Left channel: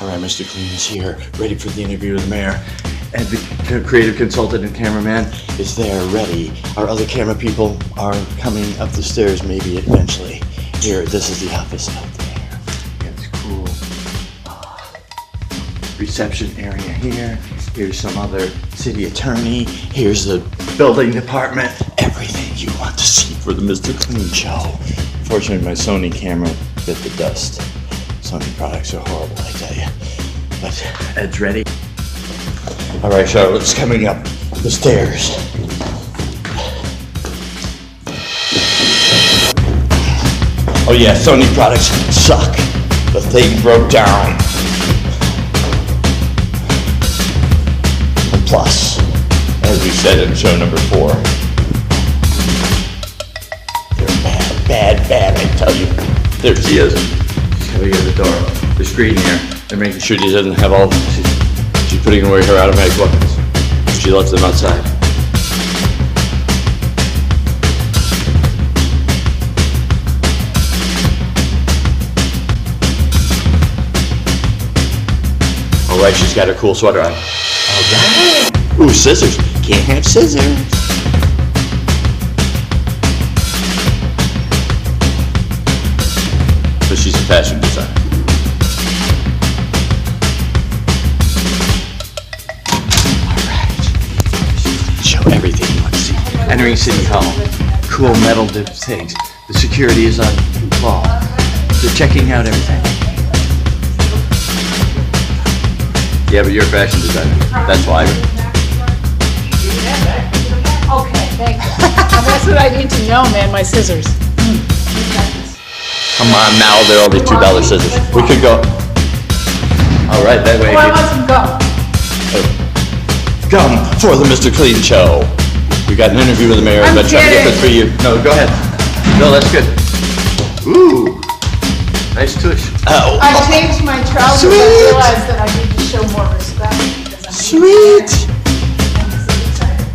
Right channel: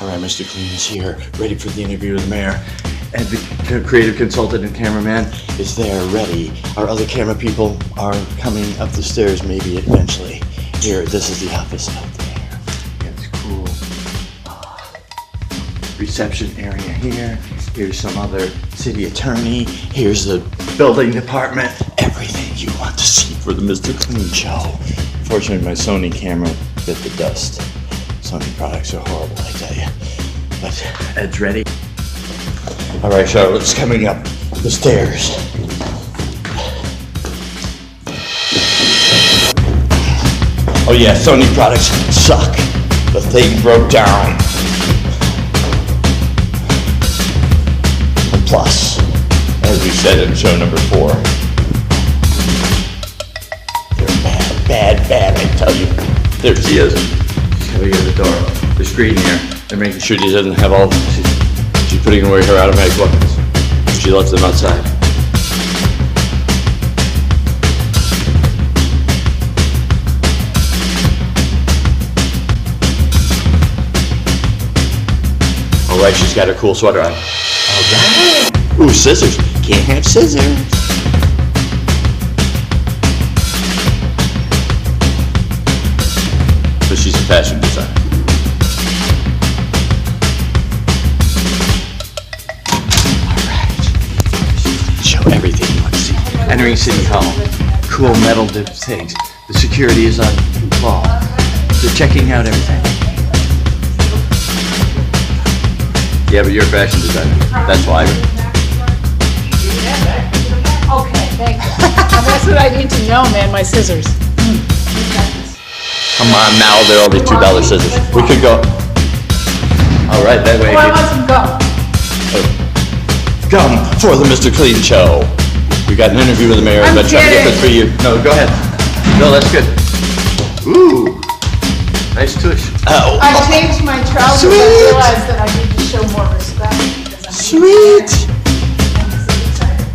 All right, Mr. Clean is here, ready for the interview with the mayor. And the creative consultant and cameraman is there, ready. Our other camera people are coming up the stairs, maybe eventually. Here, this is the office out there. It's cool. Reception area here. Here's some other city attorney. Here's the building department. Everything you want to see for the Mr. Clean show. Fortunately, my Sony camera bit the dust. Sony products are horrible, I tell you. But Ed's ready. All right, Charlotte's coming up the stairs. Oh yeah, Sony products suck. The thing broke down. And plus, as we said in show number 4, they're bad, I tell you. There she is. She's coming in the door. The screen here. They're making sure she doesn't have all. She's putting away her automatic weapons. She lets them outside. All right, she's got her cool sweater on. All right. Ooh, scissors. Can't have scissors. But she's a fashion designer. Everything you want to see. Entering City Hall. Cool metal things. The security is on call. They're checking out everything. Yeah, but you're a fashion designer. That's why. Okay, thank you. That's what I need to know, man. My scissors. Come on now, they're only $2 scissors. We could go. All right, that way. Oh, I want some gum. Come for the Mr. Clean show. We got an interview with the mayor. I'm trying to get this for you. No, go ahead. No, that's good. Ooh, nice tush. Oh, I changed my trousers. Sweet. I realized that I need to show more respect because I'm sweet. I'm so excited.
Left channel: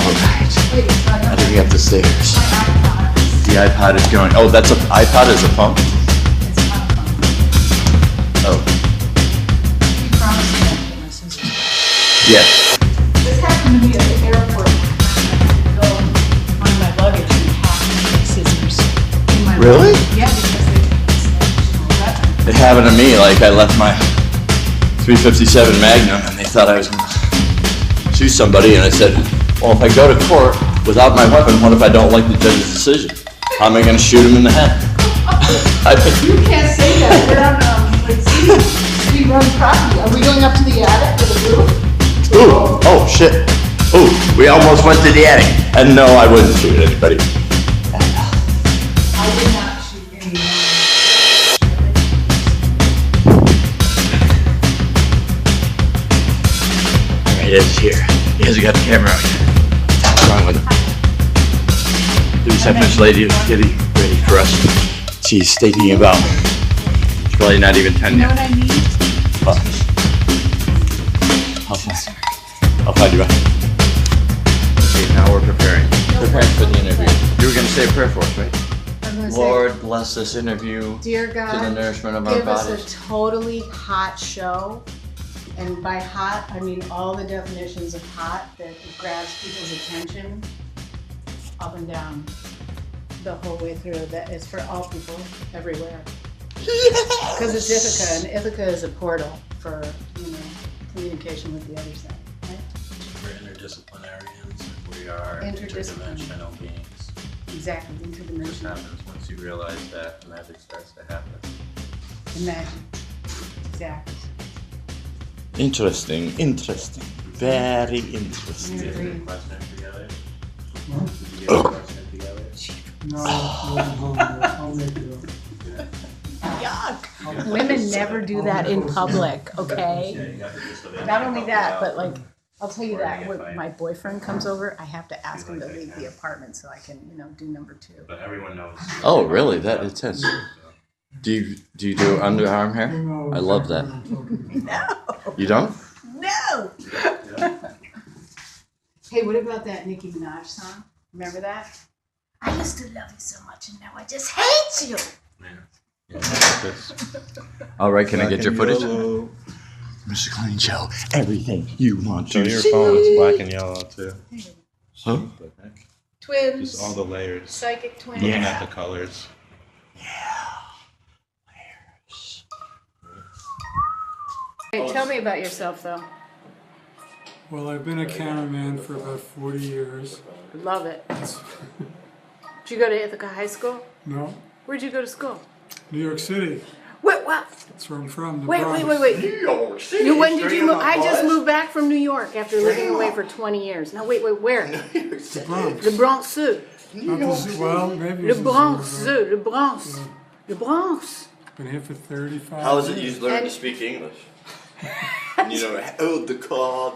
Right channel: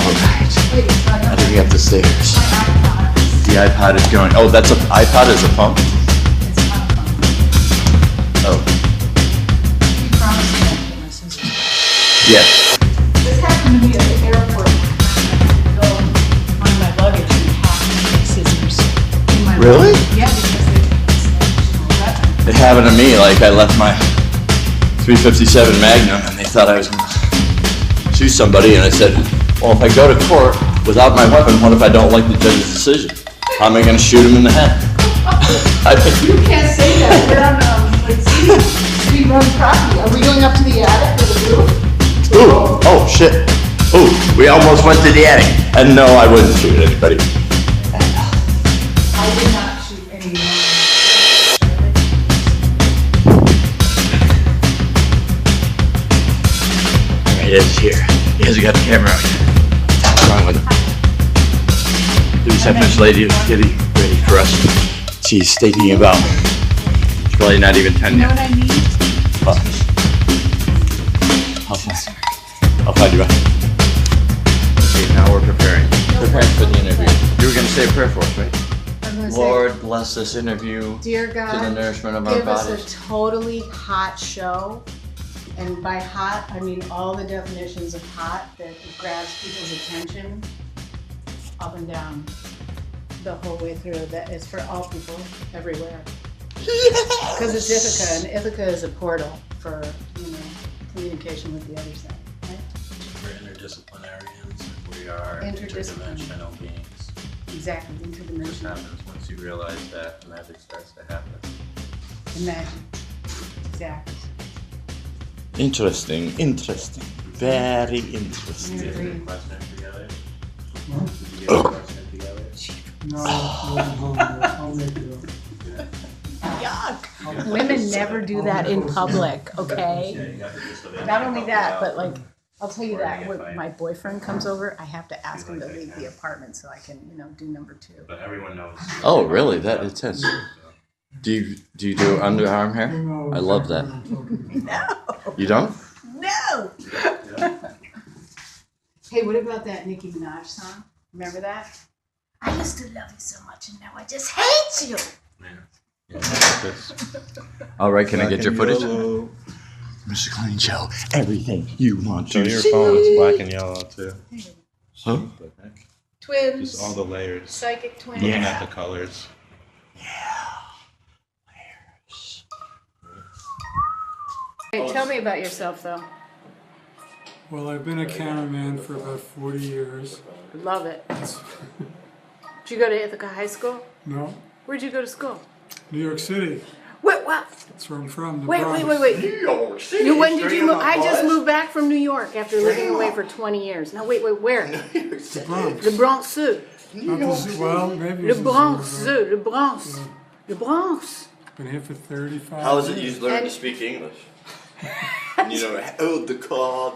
All right. Wait, it's not How do we get up the stairs? my iPod. The iPod is going. Oh, that's a iPod is a phone. It's not fun. Oh, You promised me I'd get my scissors. yes. This happened to me at the airport. I go on my luggage and have my scissors in my Really? luggage. Yeah, because it's an additional weapon. It happened to me. Like I left my 357 Magnum, and they thought I was going to shoot somebody, and I said, "Well, if I go to court without my weapon, what if I don't like the judge's decision? How am I going to shoot him in the head?" You can't say that. We're on city run property. Are we going up to the attic or the roof? Ooh, oh shit. Ooh, we almost went to the attic. And no, I wouldn't shoot anybody. I did not shoot anyone. Alright, Ed's here. He hasn't got the camera out yet. What's wrong with him? The receptionist lady is getting ready for us. She's thinking about. It's probably not even 10 You know yet. what I need? I'll find you out. Okay, now we're preparing. Preparing for the interview. You were going to say a prayer for us, right? I'm gonna Lord, bless this interview Dear to God, the nourishment of our give us bodies. a totally hot show. And by hot, I mean all the definitions of hot that grabs people's attention up and down the whole way through. That is for all people everywhere. Because it's Ithaca, and Ithaca is a portal for, communication with the other side, right? We're interdisciplinarians. We are interdimensional beings. Exactly, What interdimensional. happens once you realize that, magic starts to happen. Imagine. Exactly. Interesting. Very interesting. Did you get a question together? Did you get a question together? Yuck! Women never do that in public, okay? Yeah, you got the gist of it. Not only that, but I'll tell you that when my boyfriend comes over, I have to ask him to leave the apartment so I can, do number 2. But everyone knows. Oh, really? That intense. Do you do underarm hair? I love that. No! You don't? No! Hey, what about that Nicki Minaj song? Remember that? I used to love you so much and now I just hate you! Yeah. practice. All right, can I get your footage? Yellow. Mr. Clean Show, everything you want So to your see. phone is black and yellow too. Huh? What the heck? Twins. Just all the layers. Psychic twins. Looking Yeah. at the colors. Hey, tell me about yourself, though. Well, I've been a cameraman for about 40 years. Love it. Did you go to Ithaca High School? No, Where'd you go to school? New York City. Wait, what? That's where I'm from. The Wait, Bronx. wait. New York City. When did you move? I just moved back from New York after living away for 20 years. No, wait, where? The Bronx. The Bronx Sud. Not the zoo. Well, maybe Le it's the Bronx zoo, Sud. Le Bronx. Le Bronx. but Been here for 35 How is it years. you learn And- to speak English? You know, hold the card.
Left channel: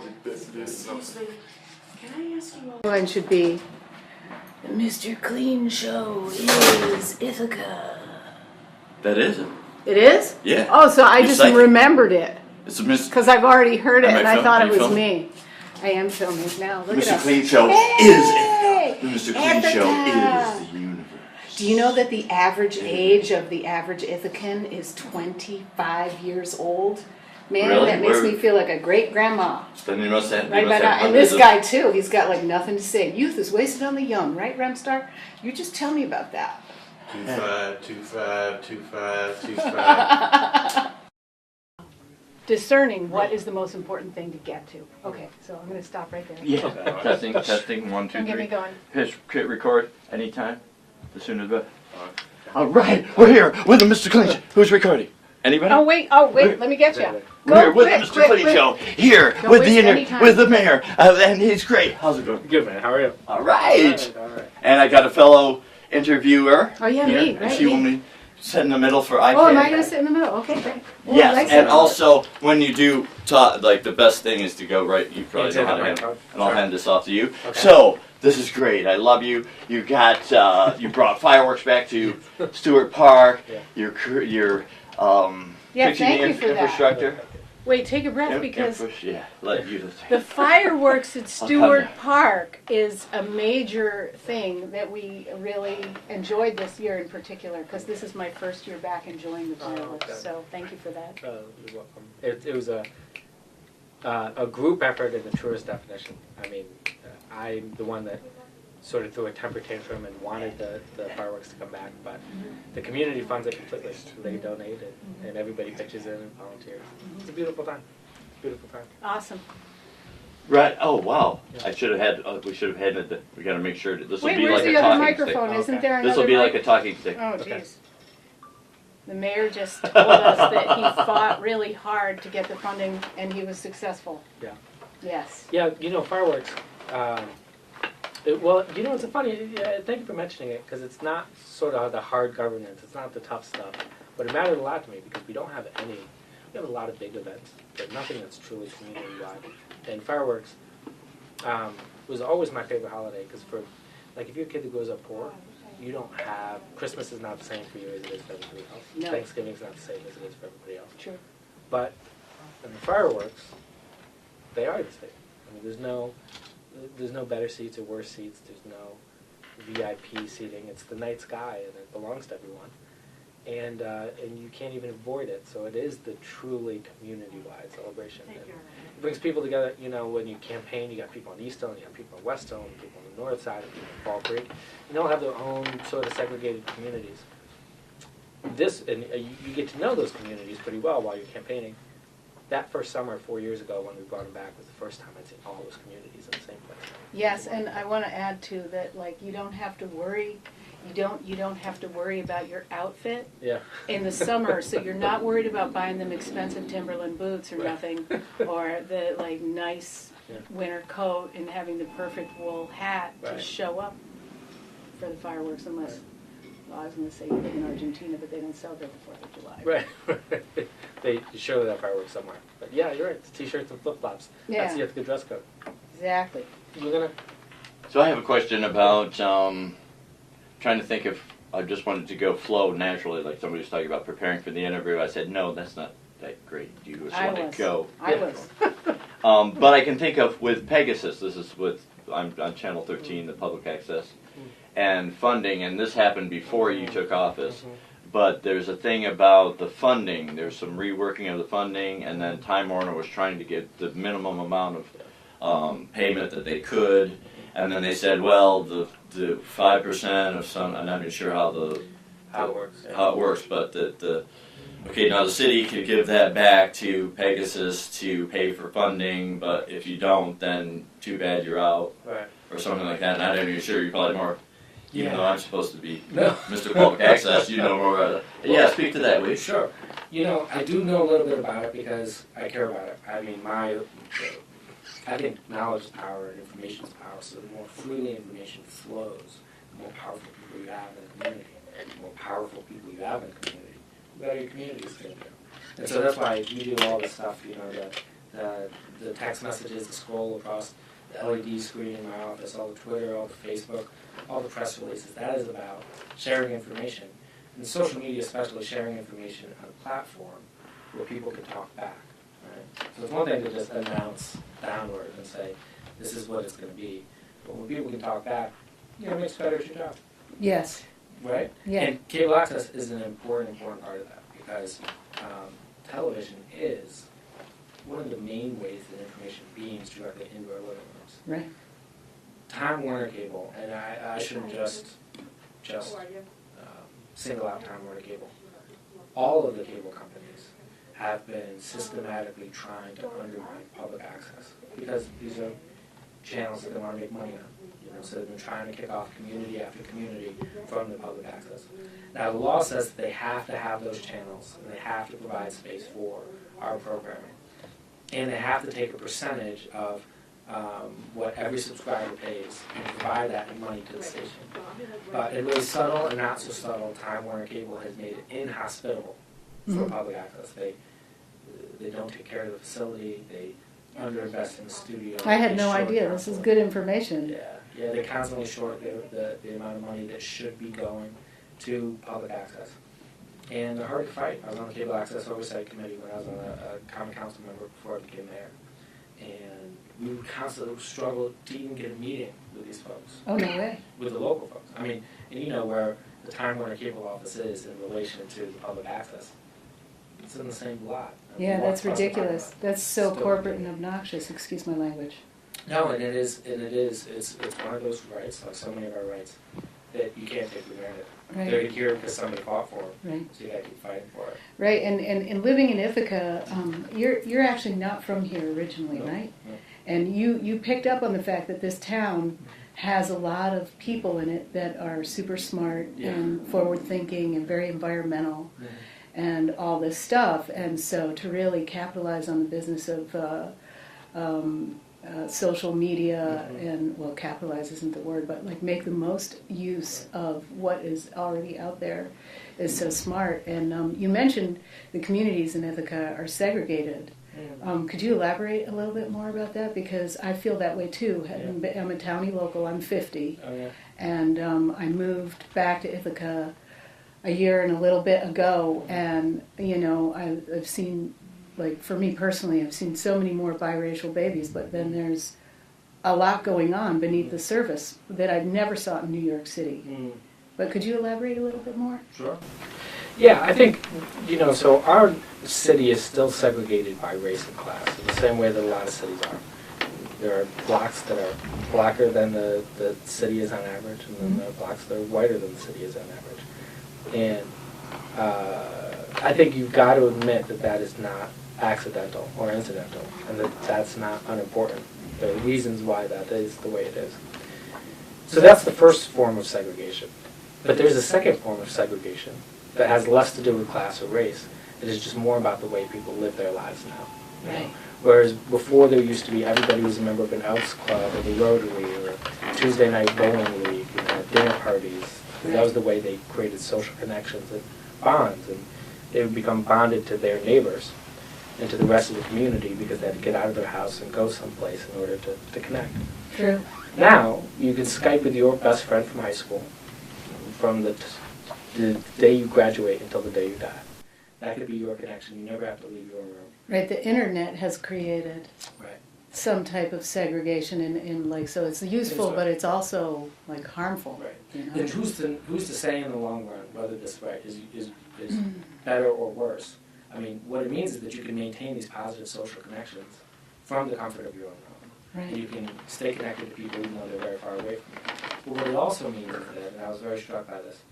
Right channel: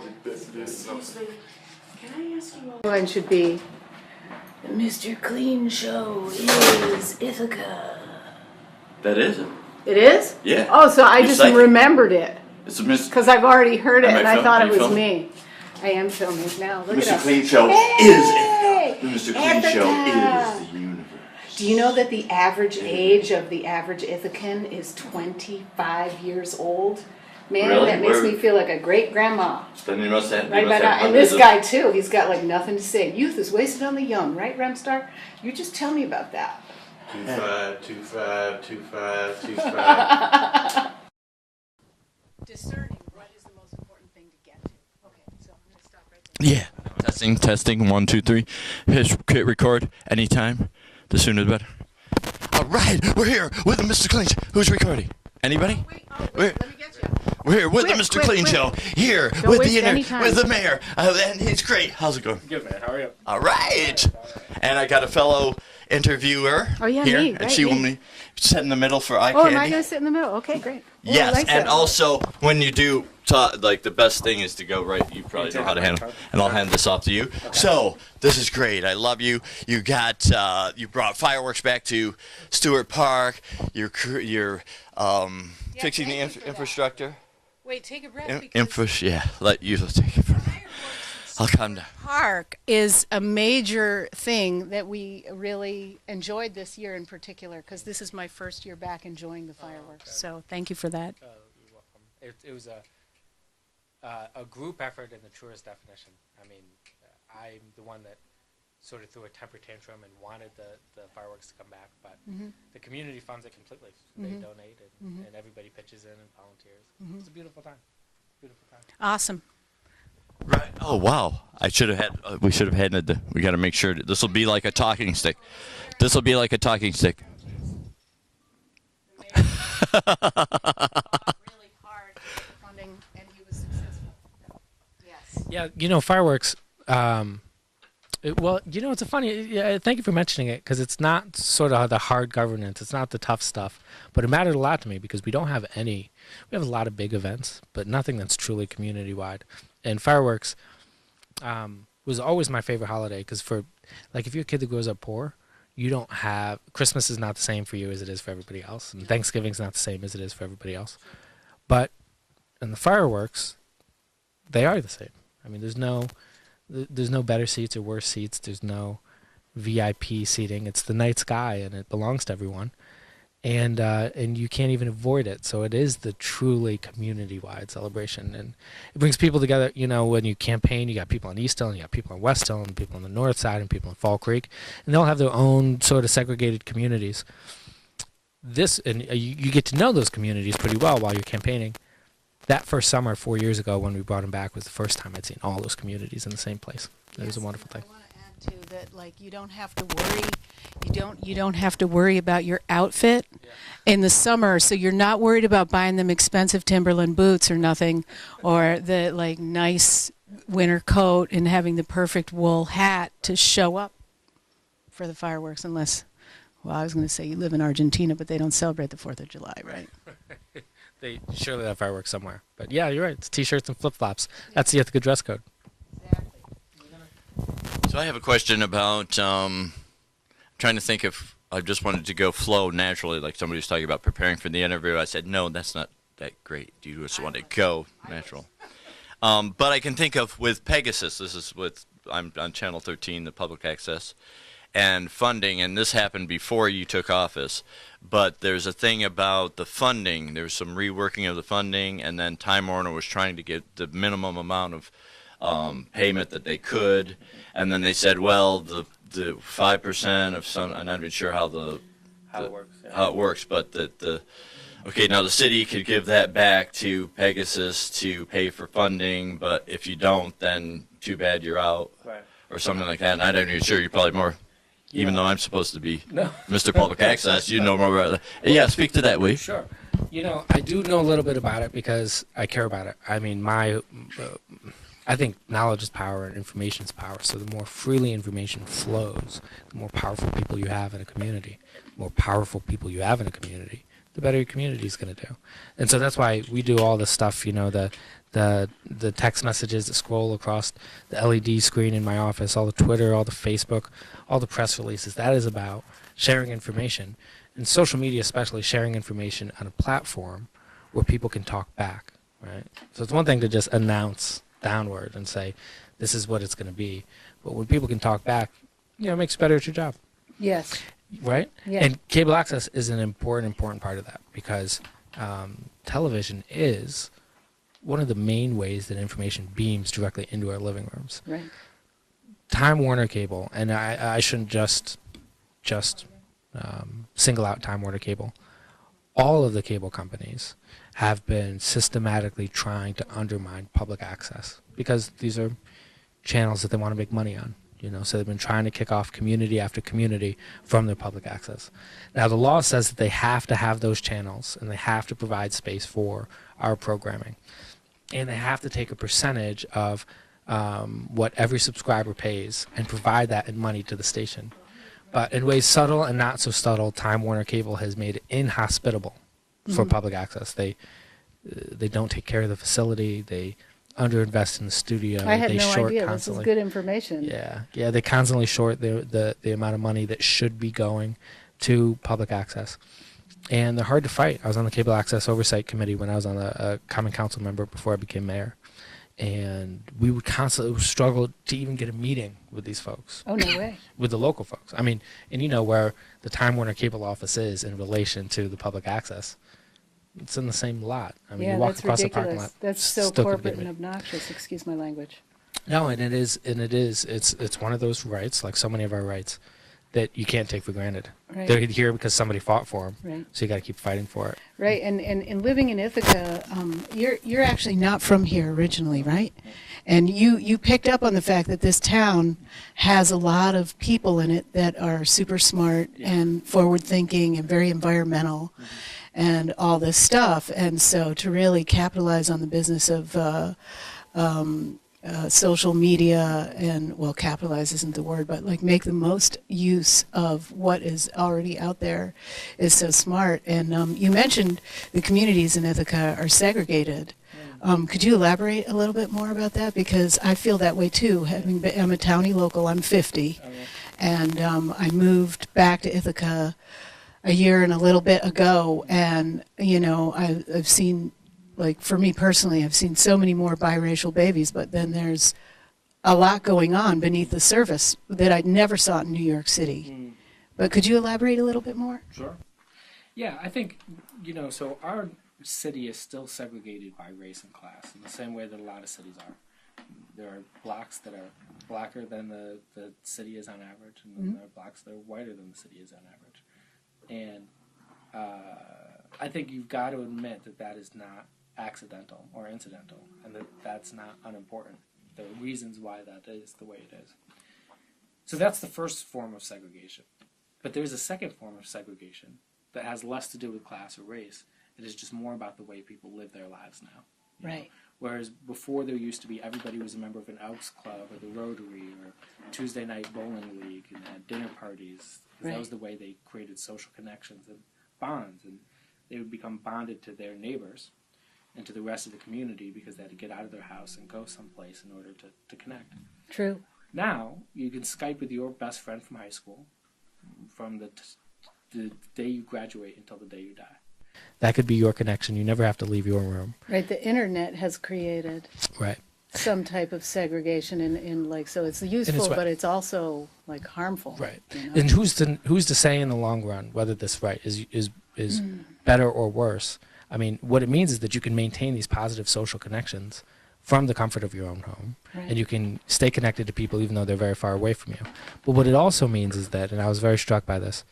One should be the Mr. Clean Show is Ithaca. That isn't. It is? Yeah. Oh, so I You just psychic. remembered it It's a Mr. because I've already heard it Am I and I film- thought are it you was filming? me. I am filming now. Look it Mr. up. Clean Show Hey! is Ithaca. The Mr. Clean Show Ithaca. is the universe. Do you know that the average age of the average Ithacan is 25 years old? Man, Really? that makes Where- me feel like a great grandma. Then you must have. Right about now. And this guy too, he's got like nothing to say. Youth is wasted on the young, right, Remstar? You just tell me about that. 25, 25, 25, 25. Discerning what is the most important thing to get to. Okay, so I'm going to stop right there. Yeah. Testing. 1, 2, 3. Hit record anytime. The sooner the better. All right, we're here with the Mr. Clean Show. Who's recording? Anybody? Oh wait, let me get you. We're here with the Mr. Clean Show. Here Don't with waste the any time. with the mayor, and he's great. How's it going? Good man, how are you? All right. And I got a fellow interviewer. Oh, yeah, here, me, and right, she me. will be sit in the middle for eye Oh, am I candy. going to sit in the middle? Okay, great. Oh, I Yes, like and that. also when you do talk, like the best thing is to go right. You probably know how to handle, and I'll hand this off to you. So this is great. I love you. You got you brought fireworks back to Stewart Park. Yeah. Your Yeah, fixing thank the you for that. infrastructure. Wait, take a breath because Let you. the fireworks at I'll Stewart come. Park is a major thing that we really enjoyed this year in particular because this is my first year back enjoying the fireworks. So thank you for that. You're welcome. It was a group effort in the truest definition. I mean, I'm the one that sort of threw a temper tantrum and wanted the fireworks to come back, but the community funds it completely. They donate it, and everybody pitches in and volunteers. It's a beautiful time. Beautiful time. Awesome. Right. Oh wow! I should have had. We should have had it. We got to make sure this will Wait, be where's like a the other talking stick. microphone? Isn't there This will another be like a mic- talking stick. Oh, jeez. The mayor just told us that he fought really hard to get the funding, and he was successful. Yeah. Yes. Yeah, fireworks. Well, it's a funny. Yeah, thank you for mentioning it because it's not sort of the hard governance. It's not the tough stuff, but it mattered a lot to me because we don't have any. We have a lot of big events, but nothing that's truly community wide. And fireworks was always my favorite holiday because if you're a kid that grows up poor, you don't have Christmas is not the same for you as it is for everybody else. And No. Thanksgiving's not the same as it is for everybody else. True. But in the fireworks, they are the same. I mean, there's no better seats or worse seats. There's no VIP seating. It's the night sky, and it belongs to everyone. And you can't even avoid it. So it is the truly community-wide celebration, and it brings people together. When you campaign, you got people on East Hill, and you got people on West Hill, and people on the North Side, and people in Fall Creek, and they'll have their own sort of segregated communities. You get to know those communities pretty well while you're campaigning. That first summer, 4 years ago, when we brought him back, was the first time I'd seen all those communities in the same place. It was a Yes, wonderful and thing. I want to add too that you don't have to worry. You don't have to worry about your outfit Yeah. in the summer, so you're not worried about buying them expensive Timberland boots or nothing, or the nice winter coat and having the perfect wool hat to show up for the fireworks. Unless, well, I was going to say you live in Argentina, but they don't celebrate the 4th of July. Right. They surely have fireworks somewhere. But yeah, you're right. It's t-shirts and flip-flops. That's the Yeah. Ithaca dress code. Exactly. We're gonna. So I have a question about trying to think if I just wanted to go flow naturally, like somebody was talking about preparing for the interview. I said, no, that's not that great. You just want to go. I natural. was. But I can think of with Pegasus. This is I'm on Channel 13, the public access, and funding. And this happened before you took office. but there's a thing about the funding. There's some reworking of the funding, and then Time Warner was trying to get the minimum amount of payment that they could, and then they said, well, the 5% of some, I'm not even sure how How it works. Yeah. how it works, but okay, now the city could give that back to Pegasus to pay for funding, but if you don't, then too bad, you're out, Right. or something like that. And I'm not even sure, you're probably more, even Yeah. though I'm supposed to be No. Mr. Public Access, you know more about that. Yeah, speak to that, Lee. Sure. You know, I do know a little bit about it because I care about it. I mean, I think knowledge is power and information is power. So the more freely information flows, the more powerful people you have in a community. The more powerful people you have in a community, the better your community is going to do. And so that's why we do all this stuff, you know, the text messages that scroll across the LED screen in my office, all the Twitter, all the Facebook, all the press releases. That is about sharing information. And social media especially, sharing information on a platform where people can talk back, right? So it's one thing to just announce downward and say, this is what it's going to be. But when people can talk back, you know, it makes you better at your job, Yes. right? Yeah. And cable access is an important part of that because television is one of the main ways that information beams directly into our living rooms. Right. Time Warner Cable, and I shouldn't just single out Time Warner Cable. All of the cable companies have been systematically trying to undermine public access because these are channels that they want to make money on. You know, so they've been trying to kick off community after community from their public access. Now the law says that they have to have those channels and they have to provide space for our programming, and they have to take a percentage of what every subscriber pays and provide that in money to the station. But in ways subtle and not so subtle, Time Warner Cable has made it inhospitable for public access. They don't take care of the facility. They underinvest in the studio. I had they no short idea. This constantly. is good information. Yeah. They constantly short the amount of money that should be going to public access, and they're hard to fight. I was on the Cable Access Oversight Committee when I was on a Common Council member before I became mayor, and we would constantly struggle to even get a meeting with these folks. Oh, no way. With the local folks. I mean, and you know where the Time Warner Cable office is in relation to the public access. It's in the same lot. I mean, Yeah, you walk that's across the parking ridiculous. lot, That's so still could corporate be and me. obnoxious. Excuse my language. No, and it is. It's one of those rights, like so many of our rights, that you can't take for granted. Right. They're here because somebody fought for them. Right. So you got to keep fighting for it. Right, and living in Ithaca, you're actually not from here originally, right? And you picked up on the fact that this town has a lot of people in it that are super smart and forward thinking and very environmental and all this stuff. And so to really capitalize on the business of social media and, well, capitalize isn't the word, but like make the most use of what is already out there is so smart. And you mentioned the communities in Ithaca are segregated. Could you elaborate a little bit more about that? Because I feel that way too. I'm a townie local, I'm 50, and I moved back to Ithaca a year and a little bit ago, and you know, I've seen, like for me personally, I've seen so many more biracial babies, but then there's a lot going on beneath the surface that I never saw in New York City. But could you elaborate a little bit more? Sure. Yeah, I think, you know, so our city is still segregated by race and class in the same way that a lot of cities are. There are blocks that are blacker than the city is on average, and then there are blocks that are whiter than the city is on average. And I think you've got to admit that that is not accidental or incidental, and that that's not unimportant. There are reasons why that is the way it is. So that's the first form of segregation. But there's a second form of segregation that has less to do with class or race. It is just more about the way people live their lives now. Right. Whereas before there used to be everybody was a member of an Elks Club or the Rotary or Tuesday night bowling league, you know, dinner parties. Right. That was the way they created social connections and bonds, and they would become bonded to their neighbors and to the rest of the community because they had to get out of their house and go someplace in order to connect. True. Now, you can Skype with your best friend from high school from the day you graduate until the day you die. That could be your connection. You never have to leave your room. Right, the internet has created Right. some type of segregation in like, so it's useful, right. but it's also like harmful. Right. You know? And who's to say in the long run whether this right is is better or worse. I mean, what it means is that you can maintain these positive social connections from the comfort of your own home, Right. and you can stay connected to people even though they're very far away from you. But what it also means is that, and I was very struck by this,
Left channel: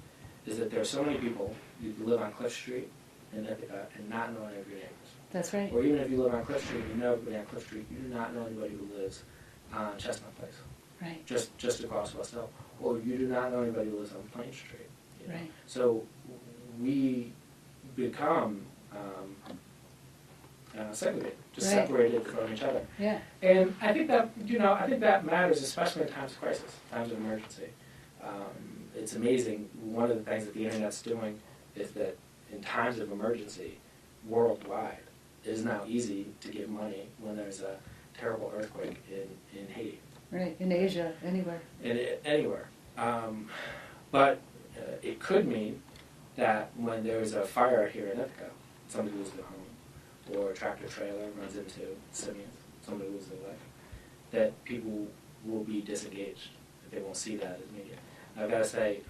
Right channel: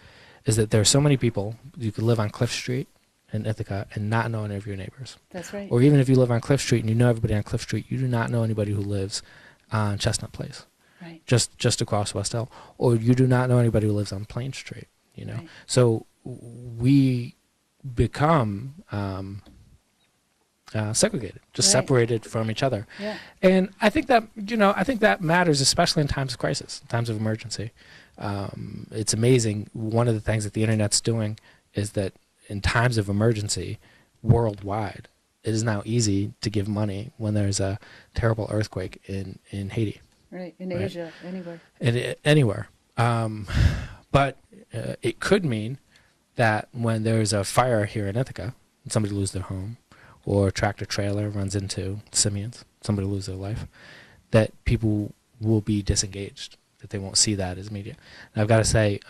is that there are so many people, you could live on Cliff Street in Ithaca and not know any of your neighbors. That's right. Or even if you live on Cliff Street and you know everybody on Cliff Street, you do not know anybody who lives on Chestnut Place, Right. just across West Elm. Or you do not know anybody who lives on Plain Street, you know. Right. So we become segregated, just Right. separated from each other. Yeah. And I think that, I think that matters, especially in times of crisis, times of emergency. It's amazing. One of the things that the internet's doing is that in times of emergency, worldwide, it is now easy to give money when there's a terrible earthquake in Haiti. Right. In Right. Asia, anywhere. Anywhere. But it could mean that when there's a fire here in Ithaca, somebody loses their home, or a tractor trailer runs into simians, somebody loses their life, that people will be disengaged, that they won't see that as media. And I've got to say,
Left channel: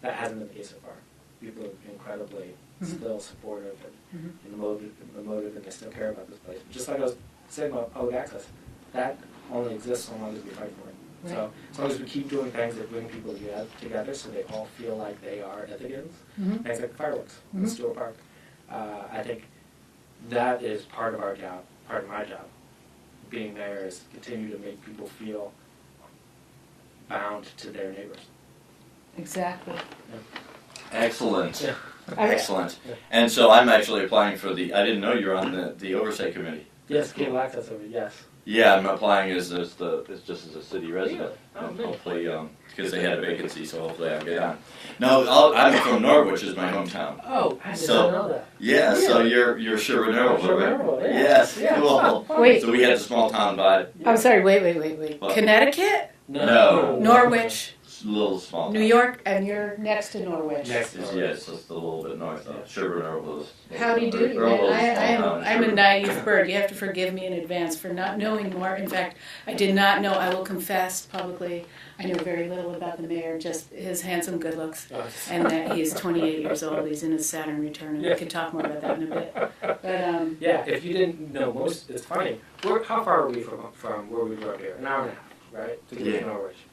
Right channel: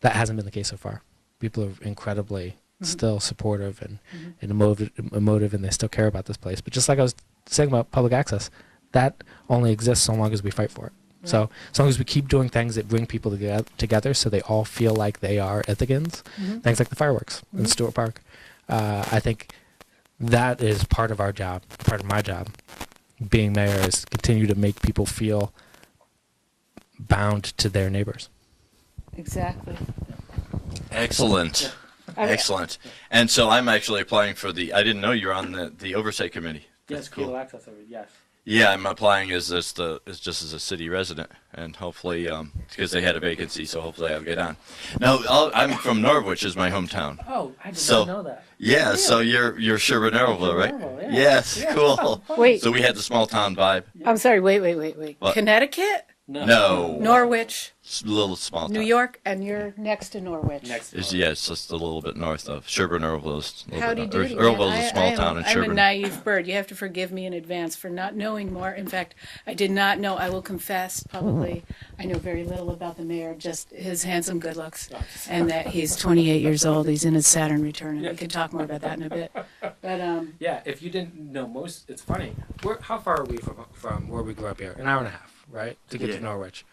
that hasn't been the case so far. People are incredibly still supportive and emotive, and they still care about this place. But just like I was saying about public access, that only exists so long as we fight for it. Right. So as long as we keep doing things that bring people together so they all feel like they are Ithacans, things like the fireworks in Stewart Park, I think that is part of our job, part of my job, being mayor, is continue to make people feel bound to their neighbors. Exactly. Excellent. I- Excellent. And so I'm actually applying for I didn't know you were on the oversight committee. Yes, CooL access over, yes. Yeah, I'm applying as just as a city resident, and hopefully, because they had a vacancy, so hopefully I'll get on. Now, I'm from Norwich, is my hometown. Oh, I did So- not know that. Yeah, so you're Sherwood-Norwell, right? Sherwood-Norwell, yeah. Yes, Yeah. cool. Wait. So we had the small town vibe. I'm sorry. Wait. What? Connecticut, No. Norwich, Little small town. New York, and you're next to Norwich. Next Yeah, it's just a little bit north of Sherwood-Norwell. is- Howdy doody. Earlville is a small town in I'm a Sherwood. naive bird. You have to forgive me in advance for not knowing more. In fact, I did not know. I will confess publicly. I know very little about the mayor, just his handsome good looks, and that he's 28 years old. He's in his Saturn return, and we can talk more about that in a bit. But Yeah, if you didn't know most, it's funny. How far are we from where we grew up here? An hour and a half, right? To get Yeah. to Norwich.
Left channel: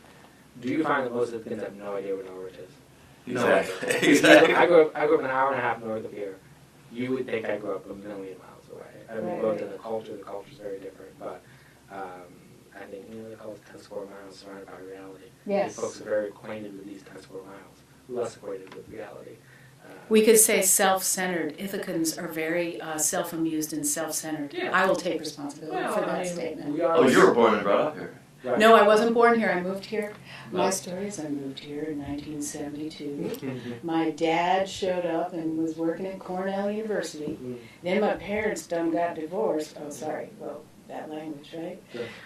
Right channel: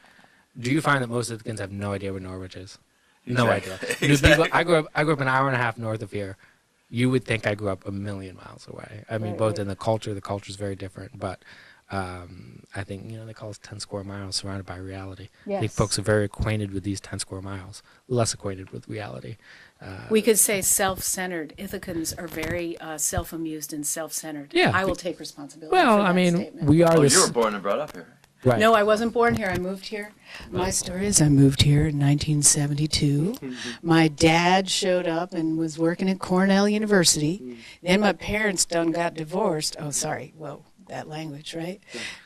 Do you find that most of the kids have no idea where Norwich is? No Exactly. idea. Exactly. I grew up an hour and a half north of here. You would think I grew up a million miles away. I mean, Right, both right. in the culture's very different, but I think, they call us 10 square miles surrounded by reality. I think yes, folks are very acquainted with these 10 square miles, less acquainted with reality. we could say self-centered. Ithacans are very self-amused and self-centered. Yeah. I will take responsibility Well, for that I mean, statement. we are. Oh, this- you were born and brought up here. right. No, I wasn't born here. I moved here. My story is I moved here in 1972. My dad showed up and was working at Cornell University. Then my parents done got divorced. Oh, sorry. Well, that language, right?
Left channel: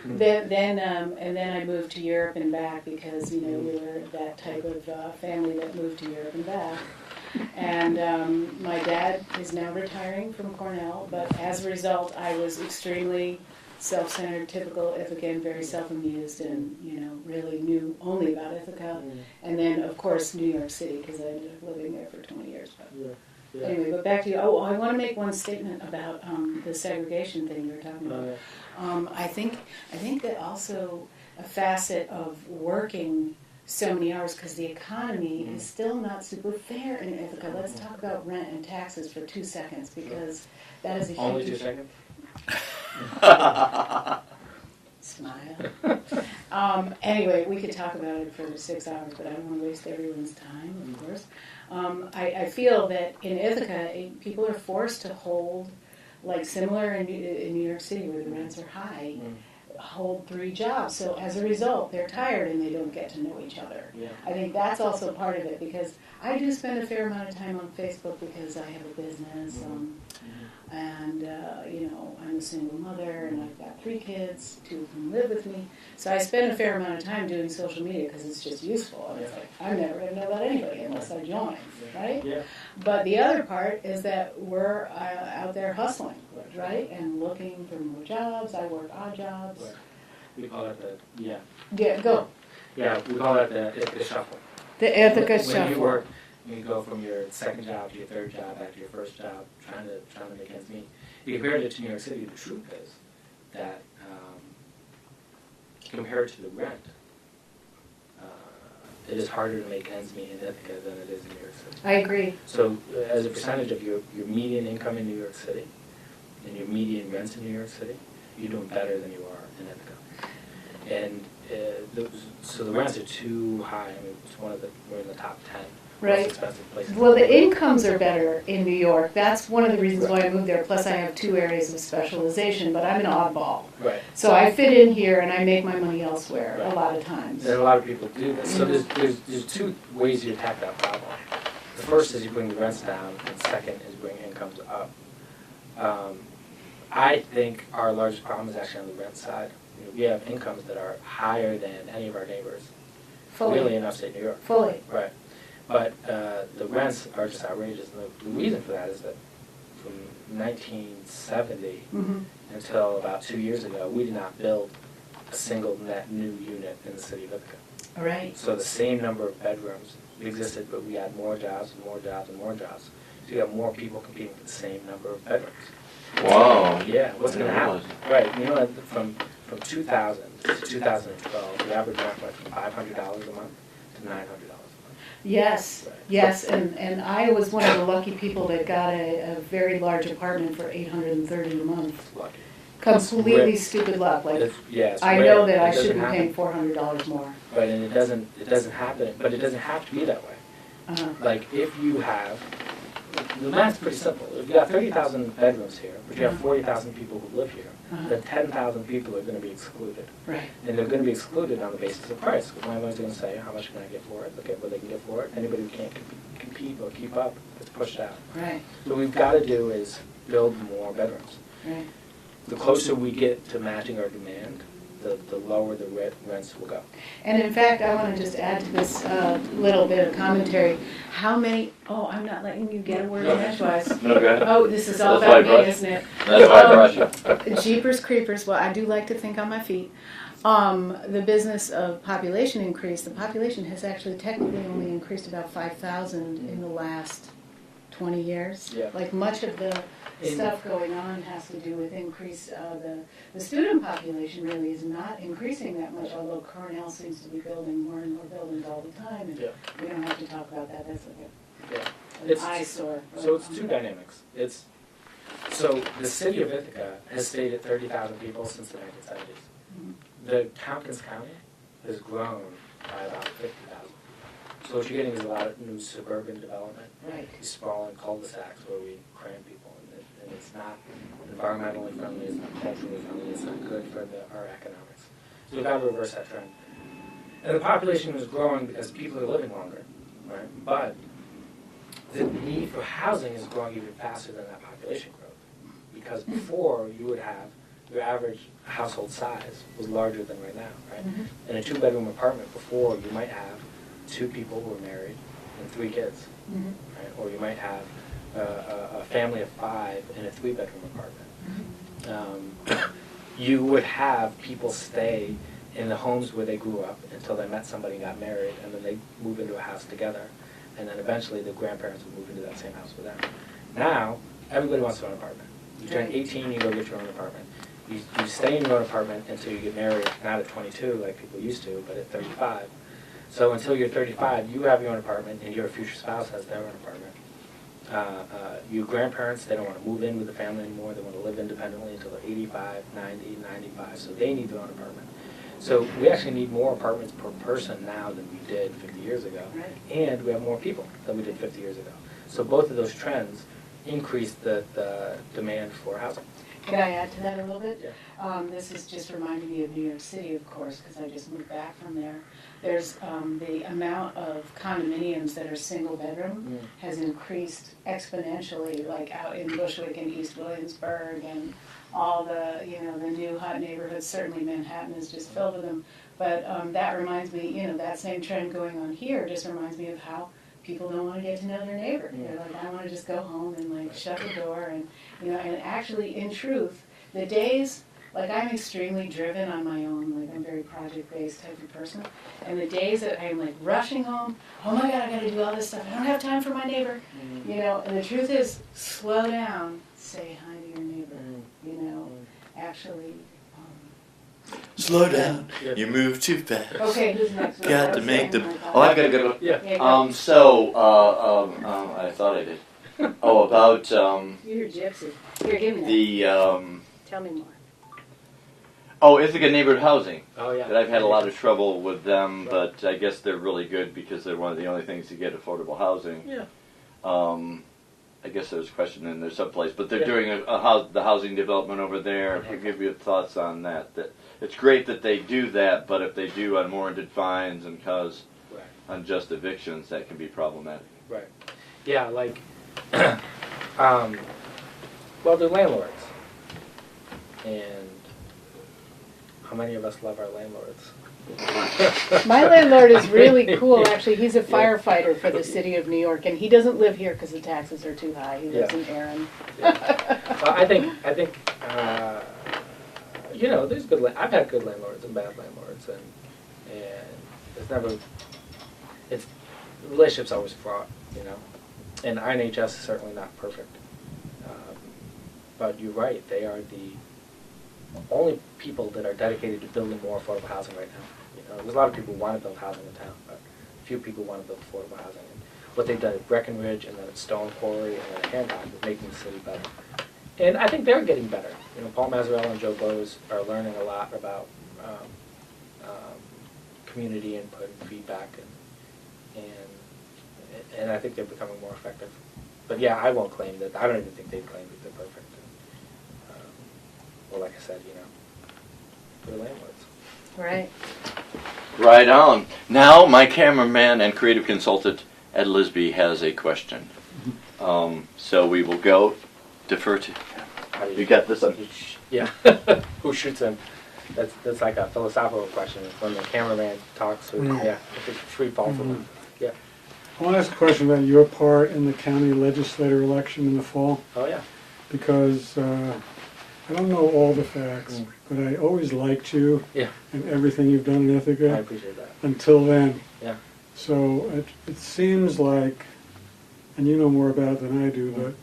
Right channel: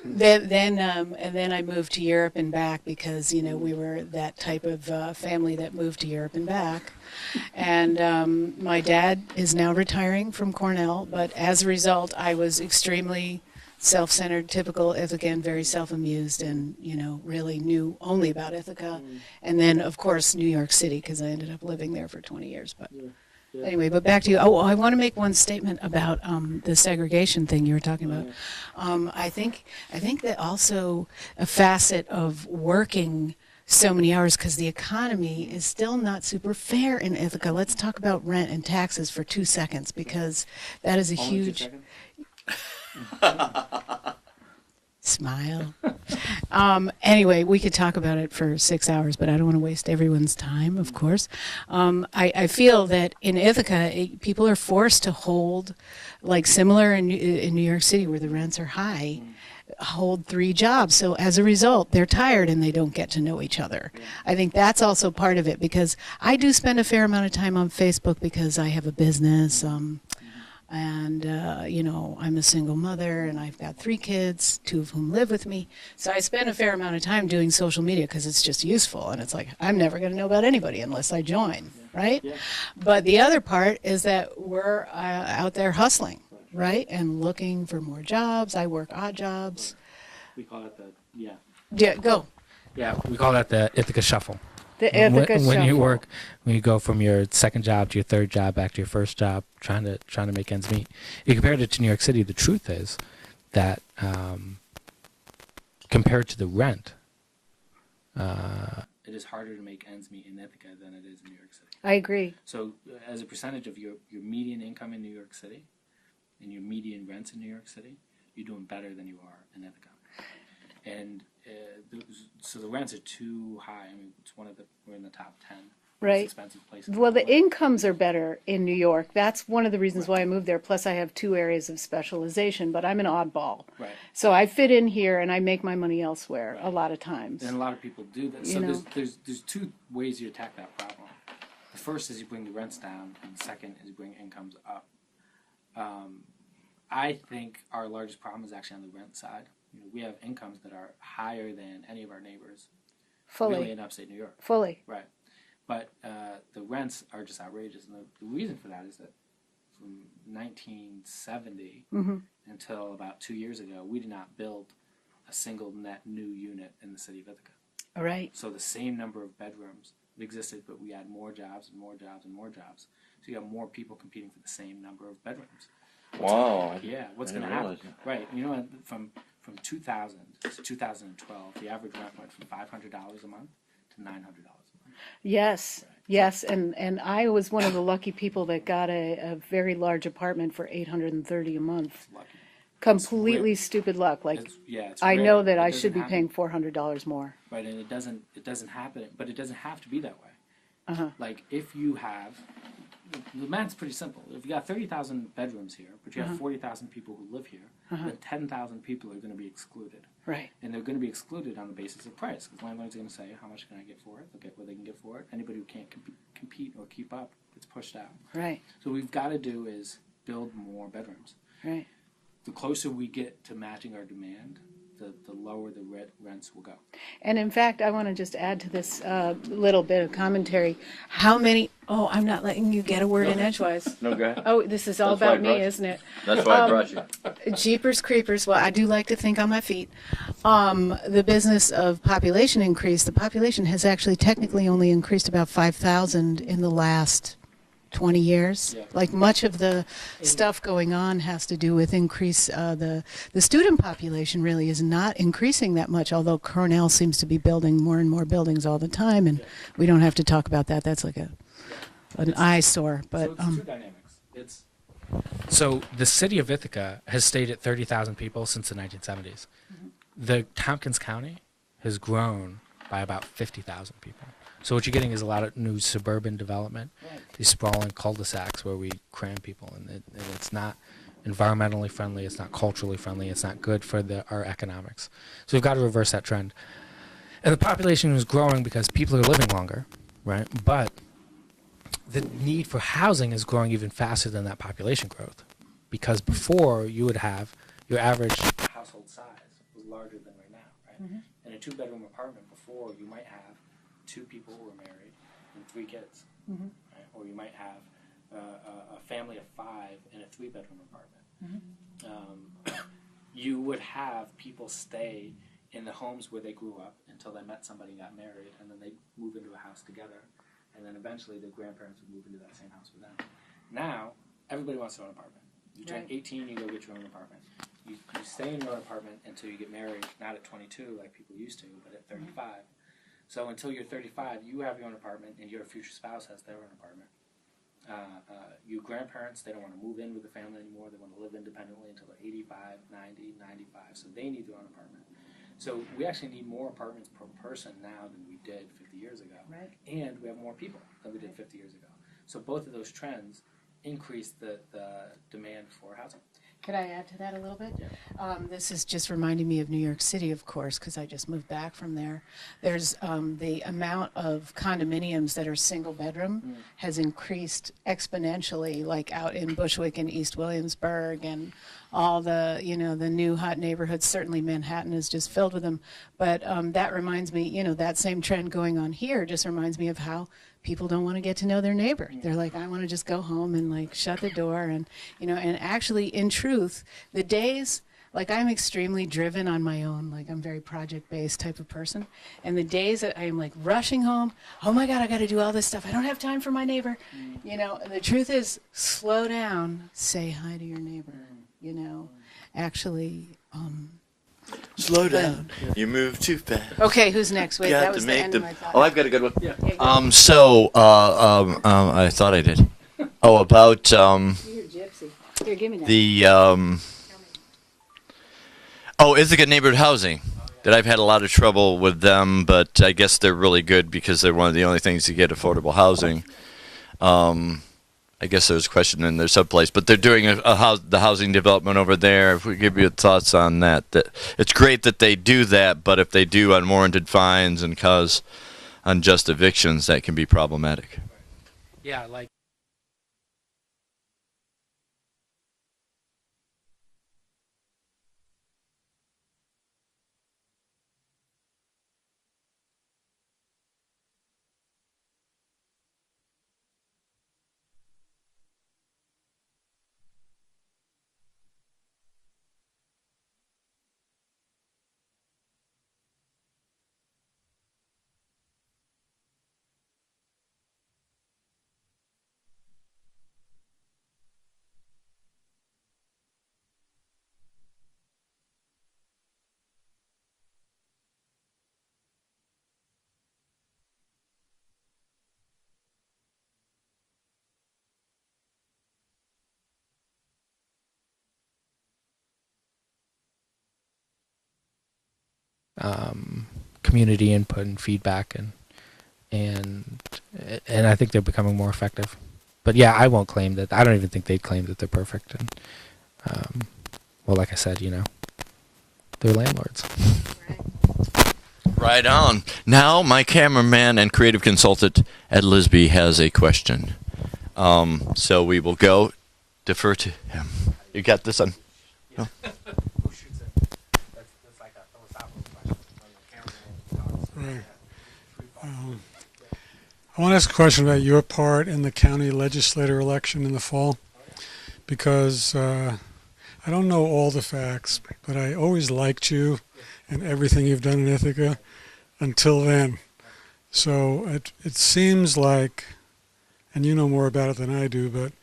Then I moved to Europe and back because we were that type of family that moved to Europe and back. And my dad is now retiring from Cornell, but as a result, I was extremely self-centered, typical Ithacan, very self-amused, and really knew only about Ithaca, and then of course New York City because I ended up living there for 20 years. But anyway, but back to you. Oh, I want to make one statement about the segregation thing you were talking about. I think that also a facet of working so many hours because the economy is still not super fair in Ithaca. Let's talk about rent and taxes for 2 seconds because that is a Only 2 huge. seconds? Smile. Anyway, we could talk about it for 6 hours, but I don't want to waste everyone's time, of course. I feel that in Ithaca, people are forced to hold, like similar in New York City where the rents are high, hold 3 jobs. So as a result, they're tired and they don't get to know each other. Yeah. I think that's also part of it because I do spend a fair amount of time on Facebook because I have a business. And, I'm a single mother and I've got 3 kids, 2 of whom live with me. So I spend a fair amount of time doing social media because it's just useful. And it's like, I'm never going to know about anybody unless I join, right? Yeah. But the other part is that we're out there hustling, right? And looking for more jobs. I work odd jobs. We call it Yeah, go. Yeah, we call that the Ithaca Shuffle. The When you work when you go from your second job to your third job back to your first job, trying to make ends meet. You compare it to New York City. The truth is that compared to the rent, it is harder to make ends meet in Ithaca than it is in New York City. I agree. So as a percentage of your median income in New York City and your median rents in New York City, you're doing better than you are in Ithaca. And so the rents are too high. I mean, we're in the top 10. Right. Most expensive places. Well, the incomes are better in New York. That's one of the reasons why I moved there. Plus, I have 2 areas of specialization, but I'm an oddball. Right. So I fit in here and I make my money elsewhere a lot of times. And a lot of people do this. So Yeah. there's 2 ways you attack that problem. The first is you bring the rents down, and the second is bring incomes up. I think our largest problem is actually on the rent side. You know, we have incomes that are higher than any of our neighbors. Really Fully. in upstate New York. Fully. Right. But the rents are just outrageous. And the reason for that is that from 1970 Mm-hmm. until about 2 years ago, we did not build a single net new unit in the city of Ithaca. All right. So the same number of bedrooms existed, but we had more jobs and more jobs and more jobs. So you got more people competing for the same number of bedrooms. Wow. Yeah, what's going to happen? Right, you know, from 2000 to 2012, the average rent went from $500 a month to $900 a month. Yes. Right. Yes. And I was one of the lucky people that got a very large apartment for $830 a month. Lucky. Completely rare. stupid luck. Like, It's I rare. know that It I doesn't should be happen. paying $400 more. Right, and it doesn't happen, but it doesn't have to be that way. Uh-huh. Like, if you have, the math's pretty simple. If you got 30,000 bedrooms here, but you have 40,000 people who live here, Uh-huh. then 10,000 people are going to be excluded. Right. And they're going to be excluded on the basis of price. Because everyone's going to say, how much can I get for it? Look at what they can get for it. Anybody who can't compete or keep up is pushed out. Right. So what we've got to do is build more bedrooms. Right. The closer we get to matching our demand, the lower the rents will go. And in fact, I want to just add to this little bit of commentary. How many? Oh, I'm not letting you get a word in edgewise. No, go ahead. Oh, this is all That's why I about me, brought you. isn't it? That's why I brought you. Jeepers creepers. Well, I do like to think on my feet. The business of population increase. The population has actually technically only increased about 5,000 in the last 20 years. Yeah. Like much of the stuff going on has to do with increase. The student population really is not increasing that much, although Cornell seems to be building more and more buildings all the time, and Yeah. we don't have to talk about that. That's like an It's- eyesore. But So it's 2 dynamics. So the city of Ithaca has stayed at 30,000 people since the 1970s. The Tompkins County has grown by about 50,000 people. So what you're getting is a lot of new suburban development, right. these sprawling cul-de-sacs where we cram people, and it's not environmentally friendly, it's not culturally friendly, it's not good for our economics. So we've got to reverse that trend. And the population is growing because people are living longer, right? But the need for housing is growing even faster than that population growth. Because before, you would have your average household size was larger than right now, right? Mm-hmm. In a 2-bedroom apartment before, you might have 2 people who are married and 3 kids, Mm-hmm. right? Or you might have a family of 5 in a 3-bedroom apartment. You would have people stay in the homes where they grew up until they met somebody, got married, and then they move into a house together. And then eventually the grandparents would move into that same house with them. Now, everybody wants their own apartment. You turn 18, you go get your own apartment. You stay in your own apartment until you get married, not at 22 like people used to, but at 35. So until you're 35, you have your own apartment, and your future spouse has their own apartment. Your grandparents, they don't want to move in with the family anymore. They want to live independently until they're 85, 90, 95, so they need their own apartment. So we actually need more apartments per person now than we did 50 years ago. Right. And we have more people than we did 50 years ago. So both of those trends increase the demand for housing. Could I add to that a little bit? Yeah. This is just reminding me of New York City, of course, because I just moved back from there. There's the amount of condominiums that are single bedroom has increased exponentially, like out in Bushwick and East Williamsburg and all the, the new hot neighborhoods. Certainly Manhattan is just filled with them. But that reminds me, that same trend going on here just reminds me of how people don't want to get to know their neighbor. Yeah. They're like, I want to just go home and shut the door and and actually in truth, the days Like, I'm extremely driven on my own. Like, I'm very project-based type of person. And the days that I'm like rushing home, oh my God, I got to do all this stuff. I don't have time for my neighbor. You know, and the truth is, slow down, say hi to your neighbor. You know, actually. Slow down. You move too fast. Okay, who's next? Wait, Got that to was make the the. end of my Oh, thought. I've got a good one. Yeah. Okay, go. I thought I did. Oh, about You're a gypsy. Here, give me that. the Tell me more. oh, Ithaca neighborhood housing. Oh, yeah. That I've had a lot of trouble with them, but I guess they're really good because they're one of the only things to get affordable housing. Yeah. I guess there's a question in there someplace, but they're doing the housing development over there. If we give you thoughts on that, that it's great that they do that, but if they do unwarranted fines and cause unjust evictions, that can be problematic. Right. Yeah, like, well, they're landlords. And how many of us love our landlords? My landlord is really cool, actually. He's a firefighter for the city of New York, and he doesn't live here because the taxes are too high. He lives in Erin. Well, I think, you know, there's good, I've had good landlords and bad landlords, and it's never, it's, the relationship's always fraught, you know? And INHS is certainly not perfect. But you're right, they are the only people that are dedicated to building more affordable housing right now. You know, there's a lot of people who want to build housing in town, but few people want to build affordable housing. And what they've done at Breckenridge and then at Stone Quarry and then at Hancock is making the city better. And I think they're getting better. You know, Paul Mazzarella and Joe Bose are learning a lot about community input and feedback, and I think they're becoming more effective. But yeah, I won't claim that. I don't even think they'd claim that they're perfect. And well, like I said, you know, they're landlords. Right. Right on. Now, my cameraman and creative consultant, Ed Lisby, has a question. So we will defer to him. how do You got this one? Yeah. Who shoots him? That's like a philosophical question. When the cameraman talks, yeah, if it's free fall from him. Yeah. I want to ask a question about your part in the county legislator election in the fall, Oh, yeah. because I don't know all the facts, but I always liked you Yeah. and everything you've done in I Ithaca appreciate that. until then. Yeah. So it seems like, and you know more about it than I do, but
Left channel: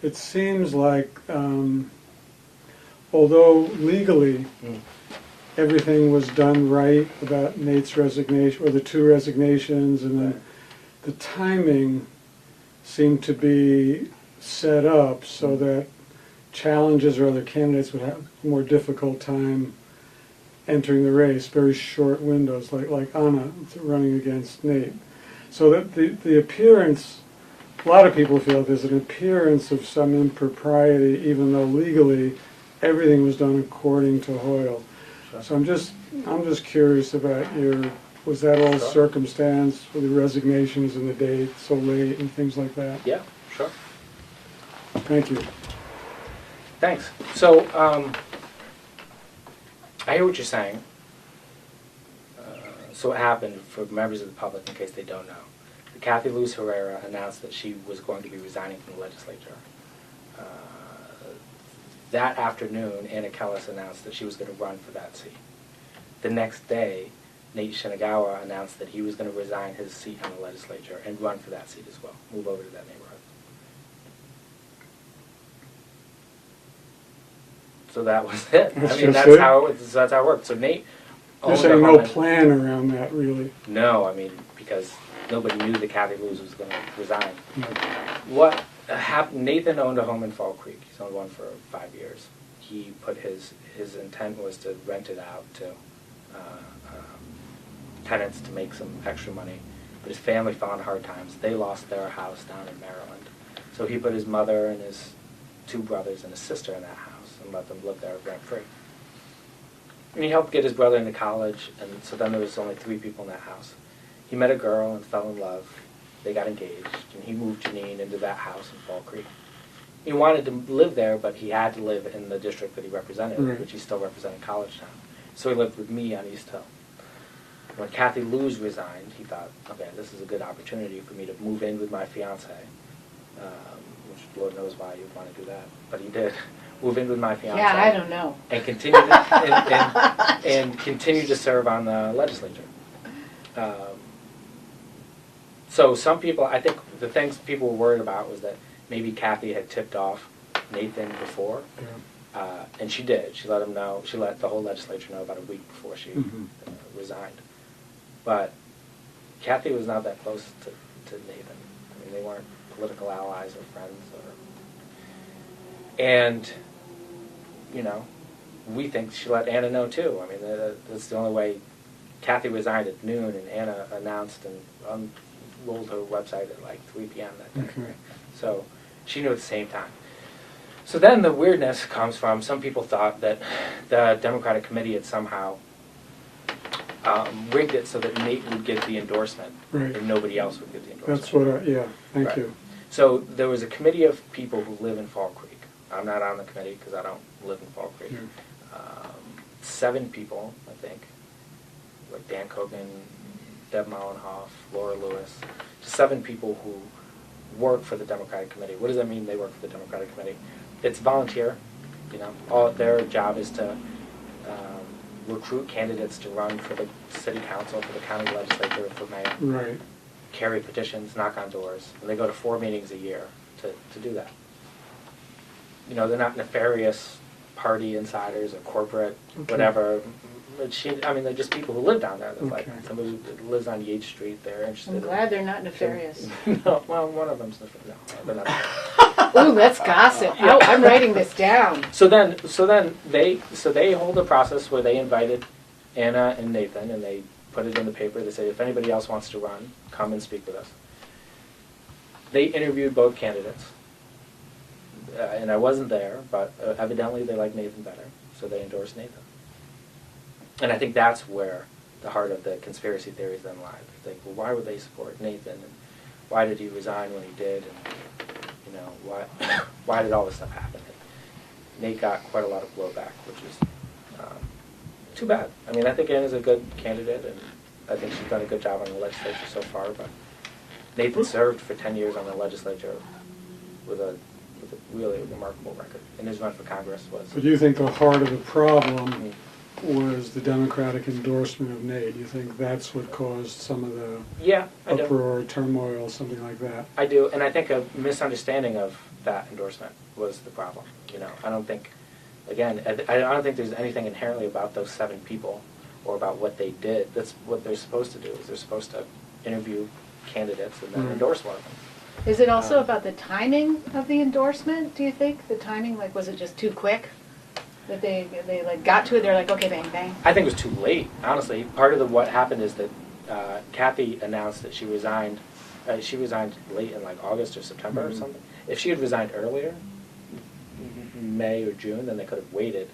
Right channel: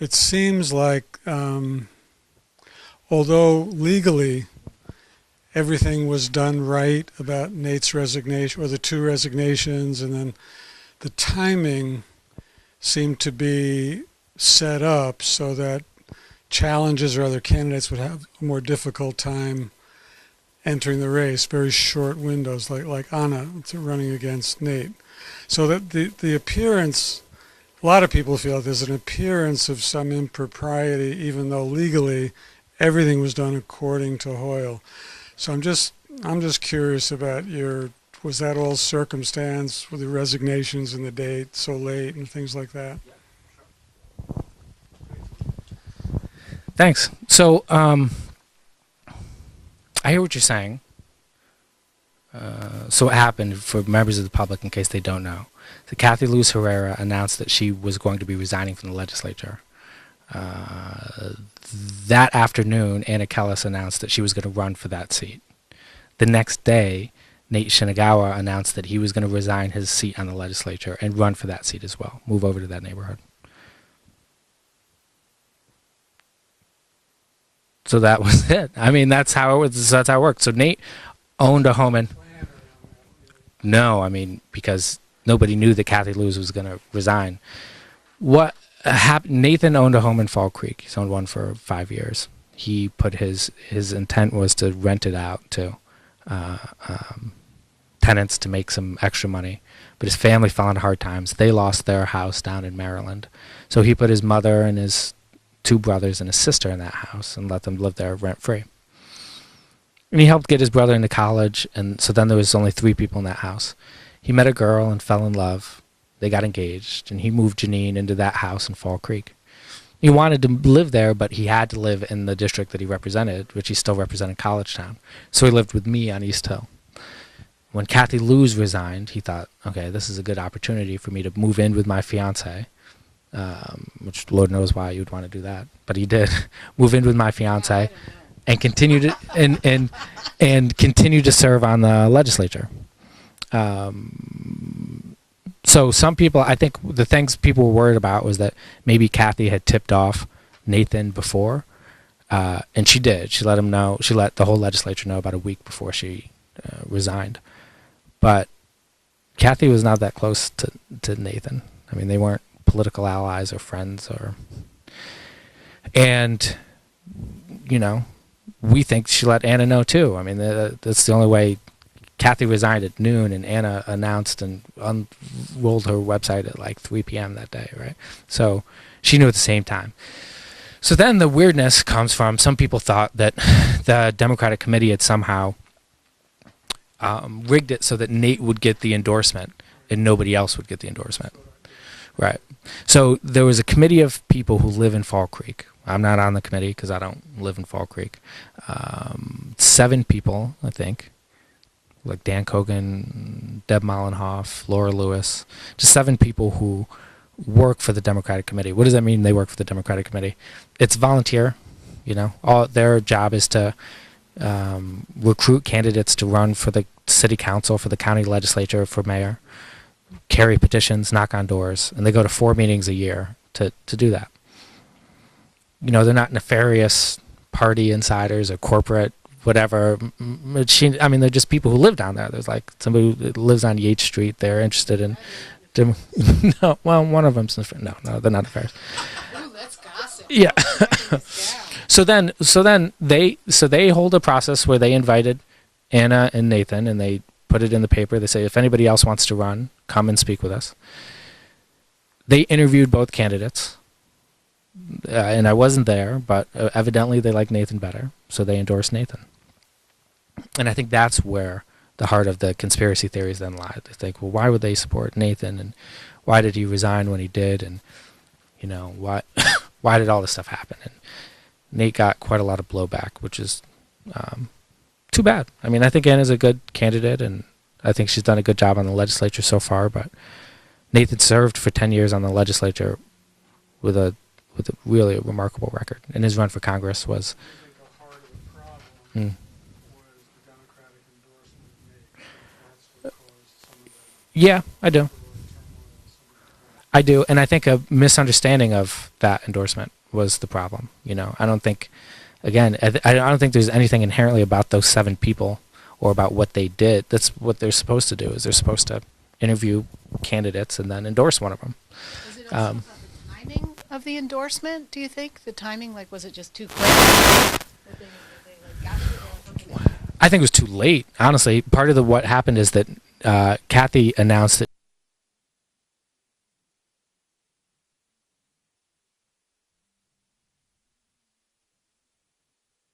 it seems like although legally everything was done right about Nate's resignation, or the two resignations, and then the timing seemed to be set up so that challenges or other candidates would have a more difficult time entering the race, very short windows, like Anna running against Nate. So that the appearance, a lot of people feel there's an appearance of some impropriety, even though legally everything was done according to Hoyle. So I'm just curious about was that all circumstance with the resignations and the date so late and things like that? Yeah, sure. Thank you. Thanks. So, I hear what you're saying. So what happened, for members of the public, in case they don't know, so Kathy Luz Herrera announced that she was going to be resigning from the legislature. That afternoon, Anna Kellis announced that she was going to run for that seat. The next day, Nate Shinagawa announced that he was going to resign his seat on the legislature and run for that seat as well, move over to that neighborhood. So that was it. I mean, that's how it worked. So Nate owned a home. No plan around that, really. No, I mean, because nobody knew that Kathy Luz was going to resign. What happened? Nathan owned a home in Fall Creek. He's owned one for 5 years. He put his intent was to rent it out to tenants to make some extra money. But his family fell in hard times. They lost their house down in Maryland. So he put his mother and his 2 brothers and his sister in that house and let them live there rent-free. And he helped get his brother into college, and so then there was only 3 people in that house. He met a girl and fell in love. They got engaged, and he moved Janine into that house in Fall Creek. He wanted to live there, but he had to live in the district that he represented, which he still represented Collegetown. So he lived with me on East Hill. When Kathy Luz resigned, he thought, okay, this is a good opportunity for me to move in with my fiance which Lord knows why you'd want to do that, but he did move in with my fiance. Yeah, I don't know. And continue to and continue to serve on the legislature. So some people, I think the things people were worried about was that maybe Kathy had tipped off Nathan before, and she did. She let him know. She let the whole legislature know about a week before she resigned. But Kathy was not that close to Nathan. I mean, they weren't political allies or friends and you know, we think she let Anna know too. I mean, that's the only way. Kathy resigned at noon, and Anna announced and unrolled her website at like 3 p.m. that day, right? So she knew at the same time. So then the weirdness comes from some people thought that the Democratic committee had somehow rigged it so that Nate would get the endorsement and nobody else would get the endorsement. That's what thank you. So there was a committee of people who live in Fall Creek. I'm not on the committee because I don't live in Fall Creek. 7 people, I think, like Dan Kogan, Deb Mollenhoff, Laura Lewis, just 7 people who work for the Democratic Committee. What does that mean, they work for the Democratic Committee? It's volunteer, you know. All their job is to recruit candidates to run for the city council, for the county legislature, for mayor, carry petitions, knock on doors, and they go to 4 meetings a year to do that. You know, they're not nefarious party insiders or corporate whatever machine. I mean, they're just people who live down there. There's like somebody who lives on Yates Street. They're interested in. Glad they're not nefarious. No, well, one of them's no, they're not nefarious. Ooh, that's gossip. Yeah. Oh, I'm writing this down. So then they hold a process where they invited Anna and Nathan, and they put it in the paper. They say if anybody else wants to run, come and speak with us. They interviewed both candidates. And I wasn't there, but evidently they like Nathan better, so they endorsed Nathan. And I think that's where the heart of the conspiracy theories then lie. They think, well, why would they support Nathan, and why did he resign when he did, and you know, why did all this stuff happen? And Nate got quite a lot of blowback, which is too bad. I mean, I think Anna's a good candidate, and I think she's done a good job on the legislature so far, but Nathan served for 10 years on the legislature with a really remarkable record, and his run for Congress was. But do you think the heart of the problem was the Democratic endorsement of Nate? You think that's what caused some of the I do. uproar, turmoil, something like that? I do, and I think a misunderstanding of that endorsement was the problem. You know, I don't think, again, I don't think there's anything inherently about those 7 people or about what they did. That's what they're supposed to do. Is they're supposed to interview candidates and then endorse one of them. Is it also about the timing of the endorsement, do you think? The timing, like, was it just too quick that they like got to it? They're like, okay, bang, bang. I think it was too late, honestly. Part of what happened is that Kathy announced that She resigned. She resigned late in like August or September or something. If she had resigned earlier, May or June, then they could have waited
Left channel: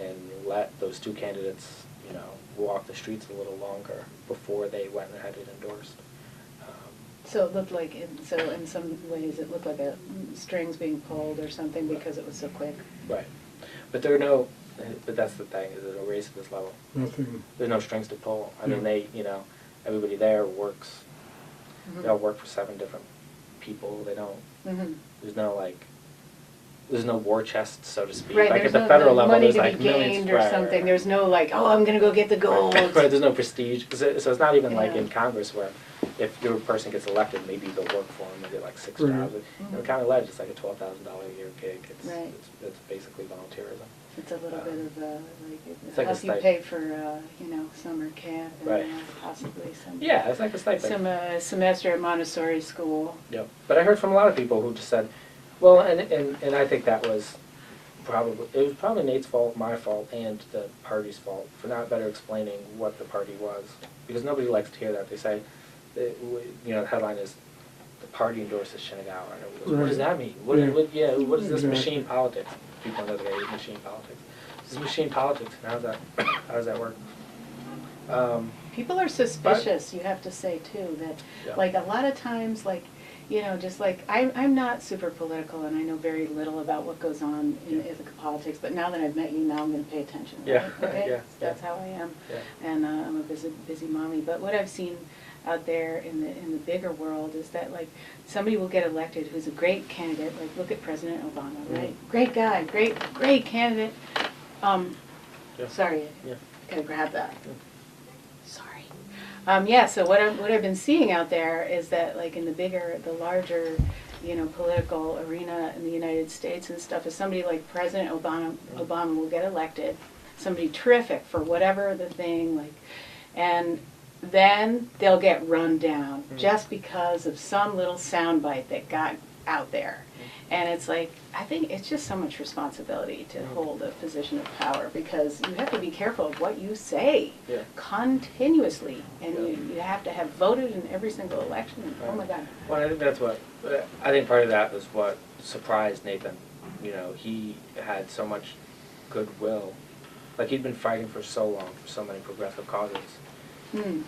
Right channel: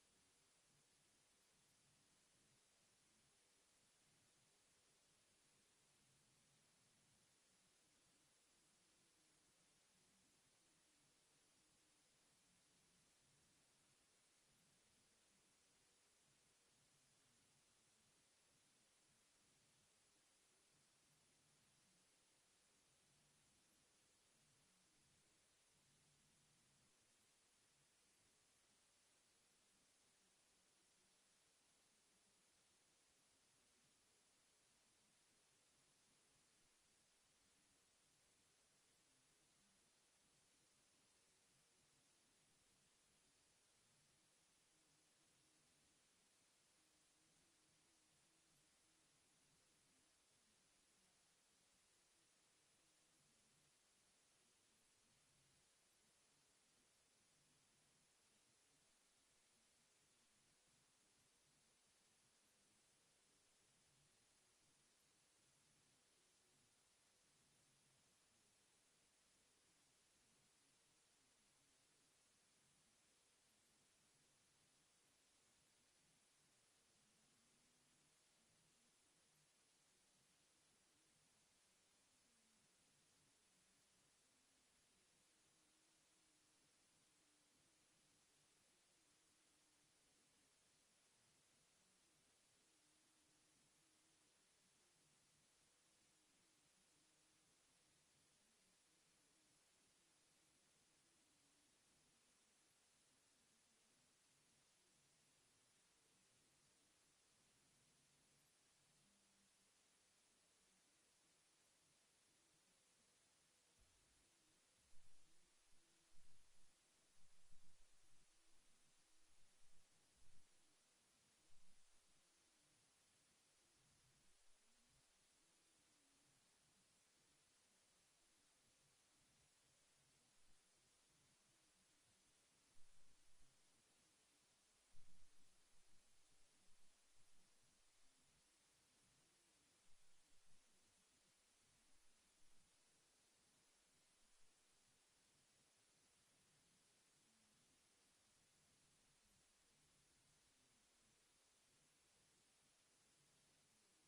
and let those 2 candidates, you know, walk the streets a little longer before they went ahead and endorsed. So it looked like, in some ways, it looked like a strings being pulled or something because it was so quick. Right. But that's the thing, is there's a race at this level. Nothing. There's no strings to pull. I mean, everybody there works, they all work for 7 different people. They don't, there's no war chest, so to speak. Right, like there's at the no federal level, money there's to like be millions. gained or something. There's no like, oh, I'm going to go get the gold. Right, there's no prestige. So it's not even like Yeah. in Congress where if your person gets elected, maybe they'll work for them and get like 6 jobs. In the county ledge, it's like a $12,000 a year gig. It's basically volunteerism. It's a little bit of a, It's like a help you stipend. pay for, summer camp and Right. Possibly some. Yeah, it's like a stipend. Some semester at Montessori school. Yep. But I heard from a lot of people who just said, well, and I think that was probably Nate's fault, my fault, and the party's fault for not better explaining what the party was. Because nobody likes to hear that. They say, the headline is, the party endorses Shinagawa. And everybody goes, what does that mean? What is this machine politics? People know that they hate machine politics. This is machine politics, and how does that work? People are suspicious, you have to say too, that like a lot of times, like, just like I'm not super political and I know very little about what goes on in Ithaca politics, but now that I've met you, now I'm going to pay attention. Right? Yeah. Okay? That's how I am. Yeah. And I'm a busy mommy. But what I've seen out there in the bigger world is that like somebody will get elected who's a great candidate. Like look at President Obama, right? Great guy, great candidate. Yeah. Sorry, Yeah. gotta grab that. Yeah. Sorry. Yeah. So what I've been seeing out there is that like in the larger, political arena in the United States and stuff, is somebody like President Obama will get elected, somebody terrific for whatever the thing like, and then they'll get run down just because of some little soundbite that got out there. And it's like, I think it's just so much responsibility to hold a position of power because you have to be careful of what you say continuously. And you have to have voted in every single election. Oh my God. Well, I think I think part of that was what surprised Nathan. He had so much goodwill. Like he'd been fighting for so long for so many progressive causes.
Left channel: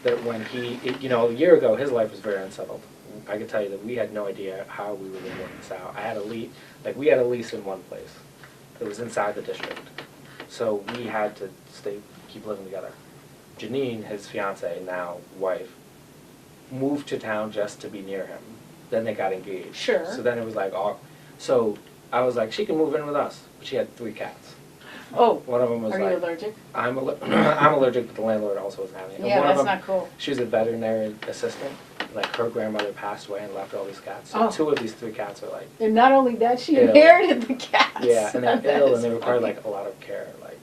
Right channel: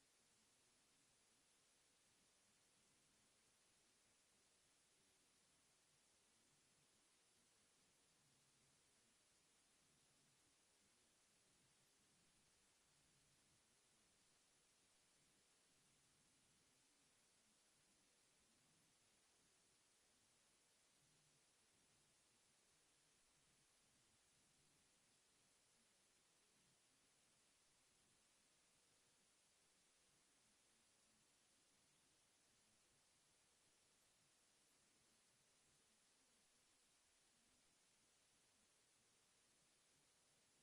That when a year ago, his life was very unsettled. I can tell you that we had no idea how we were going to work this out. We had a lease in one place. It was inside the district. So we had to keep living together. Janine, his fiance, now wife, moved to town just to be near him. Then they got engaged. Sure. So then it was like, so I was like, she can move in with us. But she had 3 cats. Oh, one of them was are you allergic? I'm allergic, but the landlord also was having it. Yeah, one that's of them, not cool. She was a veterinary assistant. Like her grandmother passed away and left all these cats. So 2 of these 3 cats are like. And not only that, she ill. inherited the cats. Yeah, and they're ill and they require like a lot of care, like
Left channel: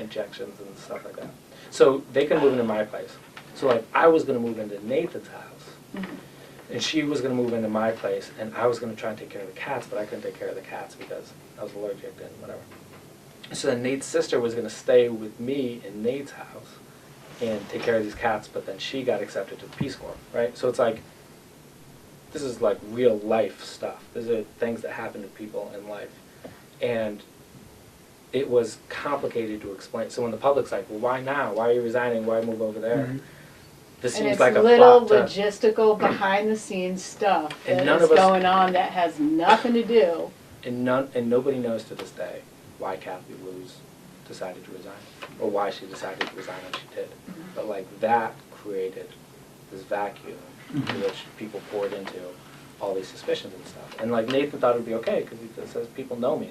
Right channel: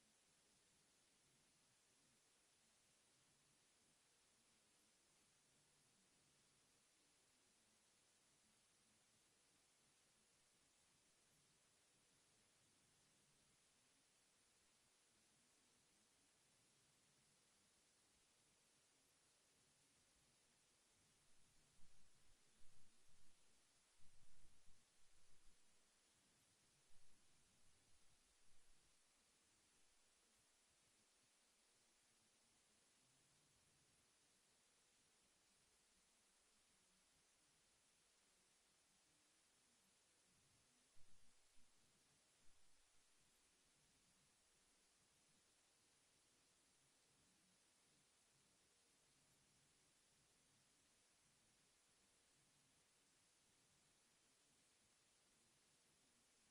injections and stuff like that. So they can move into my place. So like I was gonna move into Nathan's house, and she was gonna move into my place, and I was gonna try and take care of the cats, but I couldn't take care of the cats because I was allergic and whatever. So then Nate's sister was going to stay with me in Nate's house and take care of these cats, but then she got accepted to the Peace Corps, right? So it's like, this is like real life stuff. These are things that happen to people in life. And it was complicated to explain. So when the public's like, well, why now? Why are you resigning? Why move over there? This and seems it's like a little plot logistical behind-the-scenes stuff And that none is of us- going on that has nothing to do. And nobody knows to this day why Kathy Lewis decided to resign, or why she decided to resign when she did. But like that created this vacuum in which people poured into all these suspicions and stuff. And like Nathan thought it would be okay because he says people know me.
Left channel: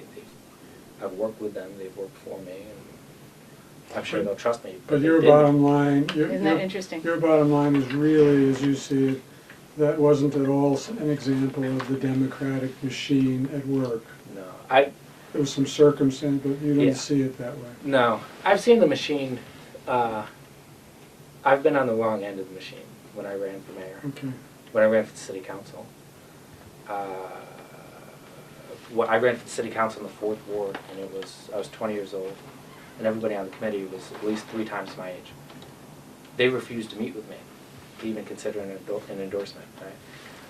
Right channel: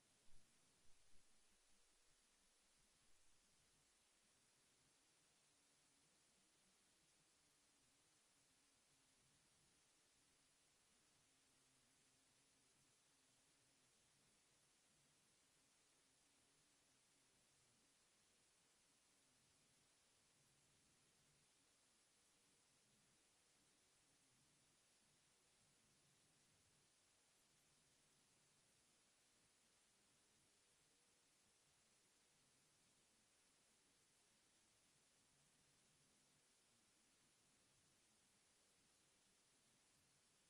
I've worked with them. They've worked for me, and I'm sure they'll trust me. But they your didn't. bottom line, Isn't that interesting? your bottom line is really, as you see it, that wasn't at all an example of the democratic machine at work. No, There was some circumstance, but you didn't Yeah. see it that way. No, I've seen the machine. I've been on the wrong end of the machine when I ran for mayor. Okay. When I ran for the city council. I ran for the city council in the 4th ward, and I was 20 years old, and everybody on the committee was at least 3 times my age. They refused to meet with me, to even consider an endorsement. Right?